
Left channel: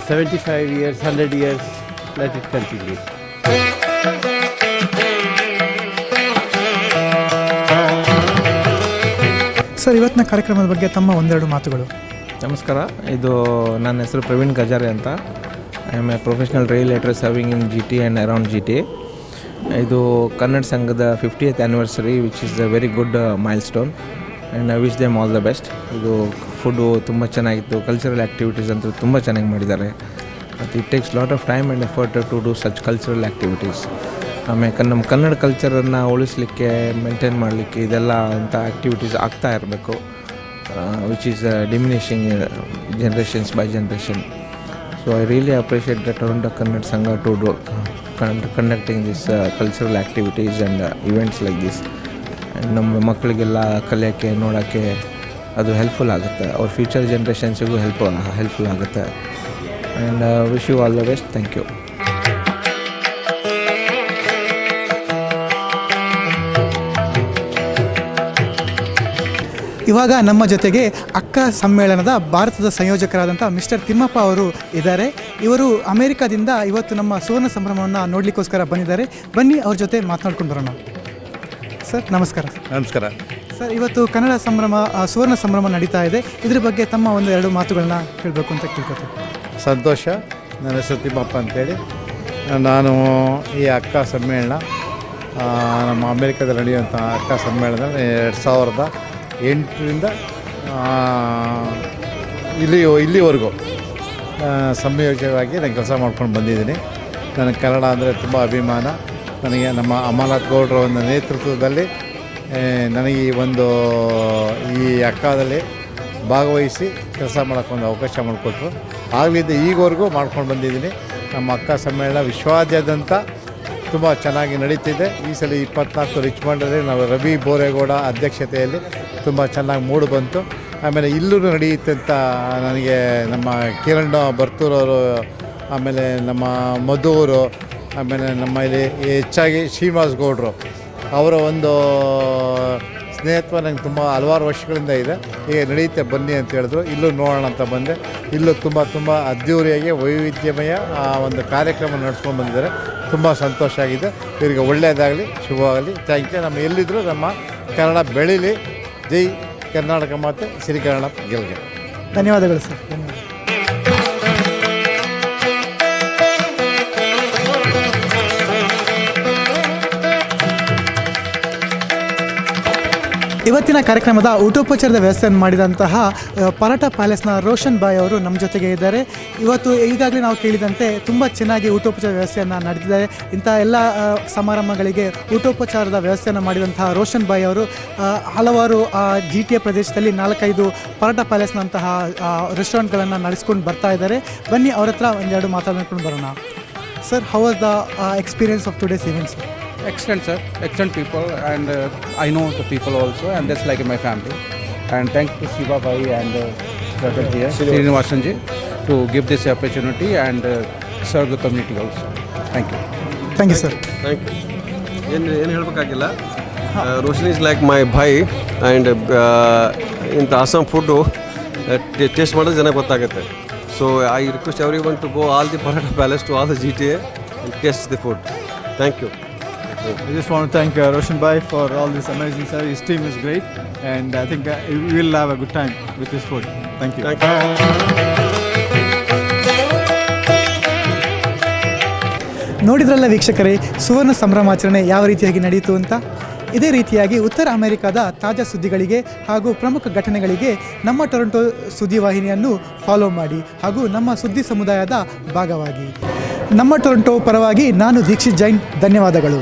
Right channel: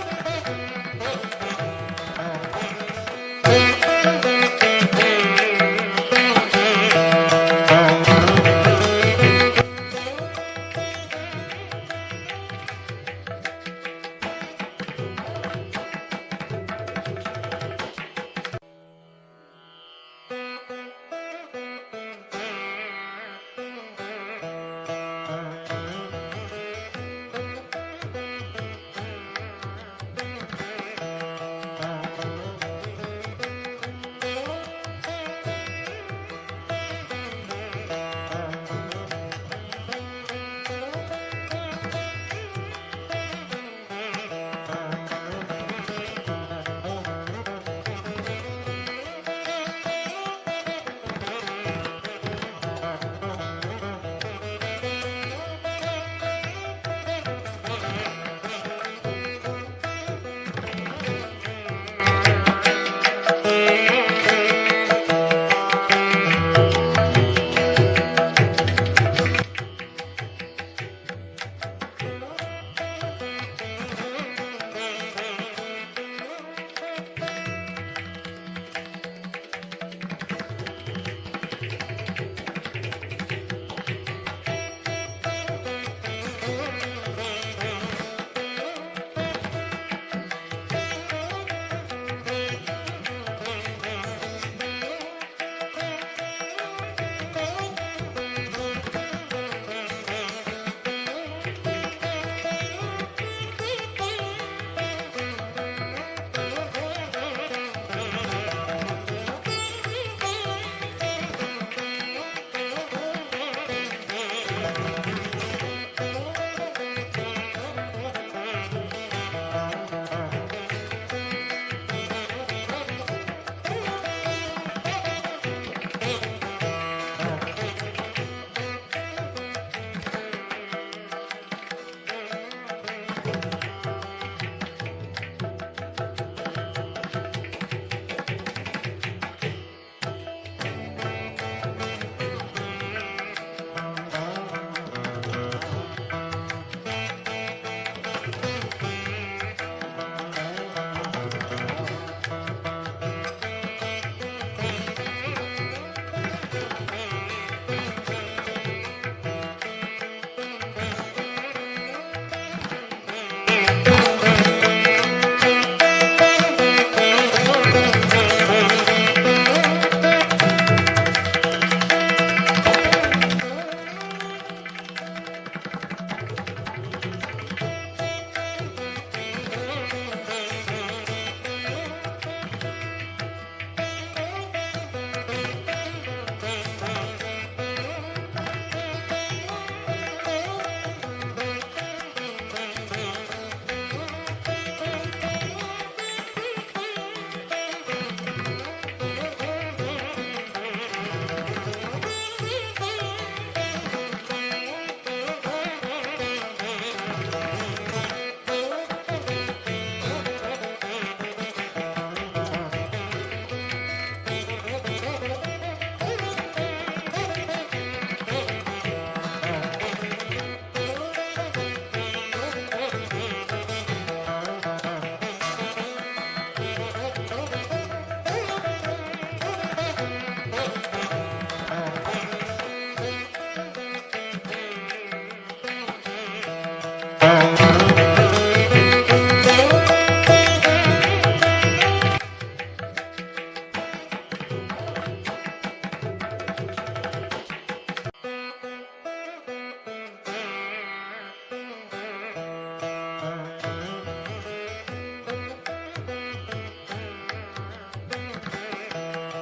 75 years, 100 years, let it continue. Sir, ಇವತ್ತಿನ ಕಾರ್ಯಕ್ರಮದ ಬಗ್ಗೆ ತಮ್ಮ ಒಂದೆರಡು ಮಾತುಗಳು. ನಮಸ್ಕಾರ. ಇದು ನನ್ನ ಹೆಸರು ಪ್ರವೀಣ್ ಗಜಾರೆ ಅಂತ. I am a professional realtor serving in GT and around GT. ಇದು ಕನ್ನಡ ಸಂಘದ 50th anniversary which is a very good milestone and I wish them all the best. ಇದು ಫುಡ್ಡು ತುಂಬ ಚೆನ್ನಾಗಿತ್ತು. ಕಲ್ಚರಲ್ ಆ್ಯಕ್ಟಿವಿಟೀಸ್ ಅಂತೂ ತುಂಬ ಚೆನ್ನಾಗಿ ಮಾಡಿದ್ದಾರೆ. ಮತ್ತು it takes lot of time and effort to do such cultural activities. ಆಮೇಲೆ ನಮ್ಮ ಕನ್ನಡ ಕಲ್ಚರನ್ನು ಉಳಿಸ್ಲಿಕ್ಕೆ, ಮೇಂಟೈನ್ ಮಾಡಲಿಕ್ಕೆ ಇದೆಲ್ಲ ಅಂತ ಆ್ಯಕ್ಟಿವಿಟೀಸ್ ಆಗ್ತಾ ಇರಬೇಕು, which is diminishing generations by generation. So I really appreciate the Toronto Kannada Sangha to do conducting this cultural activities and events like this. And ನಮ್ಮ ಮಕ್ಕಳಿಗೆಲ್ಲ ಕಲಿಯೋಕ್ಕೆ, ನೋಡೋಕ್ಕೆ ಅದು ಹೆಲ್ಪ್ಫುಲ್ ಆಗುತ್ತೆ. ಅವ್ರ ಫ್ಯೂಚರ್ ಜನ್ರೇಷನ್ಸಿಗೂ ಹೆಲ್ಪ್ಫುಲ್ ಆಗುತ್ತೆ. And wish you all the best. Thank you. ಇವಾಗ ನಮ್ಮ ಜೊತೆಗೆ ಅಕ್ಕ ಸಮ್ಮೇಳನದ ಭಾರತದ ಸಂಯೋಜಕರಾದಂಥ ಮಿಸ್ಟರ್ ತಿಮ್ಮಪ್ಪ ಅವರು ಇದ್ದಾರೆ. ಇವರು ಅಮೆರಿಕಾದಿಂದ ಇವತ್ತು ನಮ್ಮ ಸುವರ್ಣ ಸಂಭ್ರಮವನ್ನು ನೋಡಲಿಕ್ಕೋಸ್ಕರ ಬಂದಿದ್ದಾರೆ. ಬನ್ನಿ ಅವ್ರ ಜೊತೆ ಮಾತನಾಡ್ಕೊಂಡು ಬರೋಣ. ಸರ್, ನಮಸ್ಕಾರ. ನಮಸ್ಕಾರ ಸರ್, ಇವತ್ತು ಕನ್ನಡ ಸಂಭ್ರಮ, ಸುವರ್ಣ ಸಂಭ್ರಮ ನಡೀತಾ ಇದೆ. ಇದ್ರ ಬಗ್ಗೆ ತಮ್ಮ ಒಂದೆರಡು ಮಾತುಗಳನ್ನ ಕೇಳಬೇಕು ಅಂತ ಕೇಳ್ಕೊತೀನಿ. ಸಂತೋಷ. ನನ್ನ ಹೆಸರು ತಿಮ್ಮಪ್ಪ ಅಂತೇಳಿ. ನಾನು ಈ ಅಕ್ಕ ಸಮ್ಮೇಳನ, ನಮ್ಮ ಅಮೇರಿಕಾದಲ್ಲಿ ನಡೆಯುವಂಥ ಅಕ್ಕ ಸಮ್ಮೇಳನ 2008ರಿಂದ ಇಲ್ಲಿವರೆಗೂ ಸಂಯೋಜಕವಾಗಿ ನಾನು ಕೆಲಸ ಮಾಡ್ಕೊಂಡು ಬಂದಿದ್ದೀನಿ. ನನಗೆ ಕನ್ನಡ ಅಂದರೆ ತುಂಬ ಅಭಿಮಾನ. ನನಗೆ ನಮ್ಮ ಅಮರನಾಥ್ ಗೌಡ್ರ ಒಂದು ನೇತೃತ್ವದಲ್ಲಿ ನನಗೆ ಈ ಅಕ್ಕದಲ್ಲಿ ಭಾಗವಹಿಸಿ ಕೆಲಸ ಮಾಡೋಕ್ಕೊಂದು ಅವಕಾಶ ಮಾಡಿಕೊಟ್ರು. ಆಗಲಿದ್ದ ಈಗವರೆಗೂ ಮಾಡ್ಕೊಂಡು ಬಂದಿದ್ದೀನಿ. ನಮ್ಮ ಅಕ್ಕ ಸಮ್ಮೇಳನ ವಿಶ್ವಾದ್ಯಂತ ತುಂಬ ಚೆನ್ನಾಗಿ ನಡೀತಿದೆ. ಈ ಸಲ 24 ರಿಚ್ಮಂಡಲ್ಲಿ ನಾವು ರವಿ ಬೋರೇಗೌಡ ಅಧ್ಯಕ್ಷತೆಯಲ್ಲಿ ತುಂಬ ಚೆನ್ನಾಗಿ ಮೂಡಿ ಬಂತು. ಆಮೇಲೆ ಇಲ್ಲೂ ನಡೆಯುತ್ತೆ ಅಂತ ನನಗೆ ನಮ್ಮ ಕಿರಣ್ ಬರ್ತೂರವರು, ಆಮೇಲೆ ನಮ್ಮ ಮಧುವರು, ಆಮೇಲೆ ನಮ್ಮ ಇಲ್ಲಿ ಹೆಚ್ಚಾಗಿ ಶ್ರೀನಿವಾಸ್ ಗೌಡರು ಅವರ ಒಂದು ಸ್ನೇಹಿತ್ವ ನನಗೆ ತುಂಬ ಹಲವಾರು ವರ್ಷಗಳಿಂದ ಇದೆ. ಈಗ ನಡೆಯುತ್ತೆ ಬನ್ನಿ ಅಂತ ಹೇಳಿದ್ರು. ಇಲ್ಲೂ ನೋಡೋಣ ಅಂತ ಬಂದೆ. ಇಲ್ಲೂ ತುಂಬ ಅದ್ಧೂರಿಯಾಗಿ ವೈವಿಧ್ಯಮಯ ಒಂದು ಕಾರ್ಯಕ್ರಮ ನಡೆಸ್ಕೊಂಡು ಬಂದಿದ್ದಾರೆ. ತುಂಬ ಸಂತೋಷ ಆಗಿದೆ. ಇವರಿಗೆ ಒಳ್ಳೆಯದಾಗಲಿ, ಶುಭವಾಗಲಿ. Thank you. ನಮ್ಮ ಎಲ್ಲಿದ್ದರೂ ನಮ್ಮ ಕನ್ನಡ ಬೆಳೀಲಿ. ಜೈ ಕರ್ನಾಟಕ ಮಾತು, ಶ್ರೀ ಕನ್ನಡ ಗೆಲ್ಗೆ. ಧನ್ಯವಾದಗಳು ಸರ್. ಇವತ್ತಿನ ಕಾರ್ಯಕ್ರಮದ ಊಟೋಪಚಾರದ ವ್ಯವಸ್ಥೆಯನ್ನು ಮಾಡಿದಂತಹ ಪರಾಟ ಪ್ಯಾಲೇಸ್ನ ರೋಷನ್ ಬಾಯ್ ಅವರು ನಮ್ಮ ಜೊತೆಗೆ ಇದ್ದಾರೆ. ಇವತ್ತು ಈಗಾಗಲೇ ನಾವು ಕೇಳಿದಂತೆ ತುಂಬ ಚೆನ್ನಾಗಿ ಊಟೋಪಚಾರ ವ್ಯವಸ್ಥೆಯನ್ನು ನಡೆದಿದ್ದಾರೆ. ಇಂಥ ಎಲ್ಲ ಸಮಾರಂಭಗಳಿಗೆ ಊಟೋಪಚಾರದ ವ್ಯವಸ್ಥೆಯನ್ನು ಮಾಡಿದಂತಹ ರೋಷನ್ ಬಾಯ್ ಅವರು ಹಲವಾರು GTA ಪ್ರದೇಶದಲ್ಲಿ 4-5 ಪರಾಟ ಪ್ಯಾಲೇಸ್ನಂತಹ ರೆಸ್ಟೋರೆಂಟ್ಗಳನ್ನು ನಡೆಸ್ಕೊಂಡು ಬರ್ತಾ ಇದ್ದಾರೆ. ಬನ್ನಿ ಅವ್ರ ಹತ್ರ ಒಂದೆರಡು ಮಾತಾಡ್ಕೊಂಡು ಬರೋಣ. Sir, how was the experience of today's event? Excellent, sir. Excellent people, and I know the people also, and that's like in my family. And thanks to Shiva Bhai and Srinivasanji to give this opportunity and serve the community also. Thank you. Thank you, sir. Thank you. ಏನು ಹೇಳಬೇಕಾಗಿಲ್ಲ. Roshan is like my bhai and ಇಂಥ awesome food taste ಮಾಡೋದು ಜನ ಗೊತ್ತಾಗುತ್ತೆ. So I request everyone to go all the paratha palace to all the GTA and taste the food. Thank you. I just want to thank Roshan Bhai for all this amazing service. His team is great, and I think we will have a good time with this food. Thank you. ನೋಡಿದ್ರಲ್ಲ ವೀಕ್ಷಕರೇ, ಸುವರ್ಣ ಸಂಭ್ರಮಾಚರಣೆ ಯಾವ ರೀತಿಯಾಗಿ ನಡೆಯಿತು ಅಂತ. ಇದೇ ರೀತಿಯಾಗಿ ಉತ್ತರ ಅಮೆರಿಕದ ತಾಜಾ ಸುದ್ದಿಗಳಿಗೆ ಹಾಗೂ ಪ್ರಮುಖ ಘಟನೆಗಳಿಗೆ ನಮ್ಮ ಟೊರೊಂಟೊ ಸುದ್ದಿವಾಹಿನಿಯನ್ನು ಫಾಲೋ ಮಾಡಿ ಹಾಗೂ ನಮ್ಮ ಸುದ್ದಿ ಸಮುದಾಯದ ಭಾಗವಾಗಿ. ನಮ್ಮ ಟೊರೊಂಟೊ ಪರವಾಗಿ ನಾನು ದೀಕ್ಷಿತ್ ಜೈನ್, ಧನ್ಯವಾದಗಳು.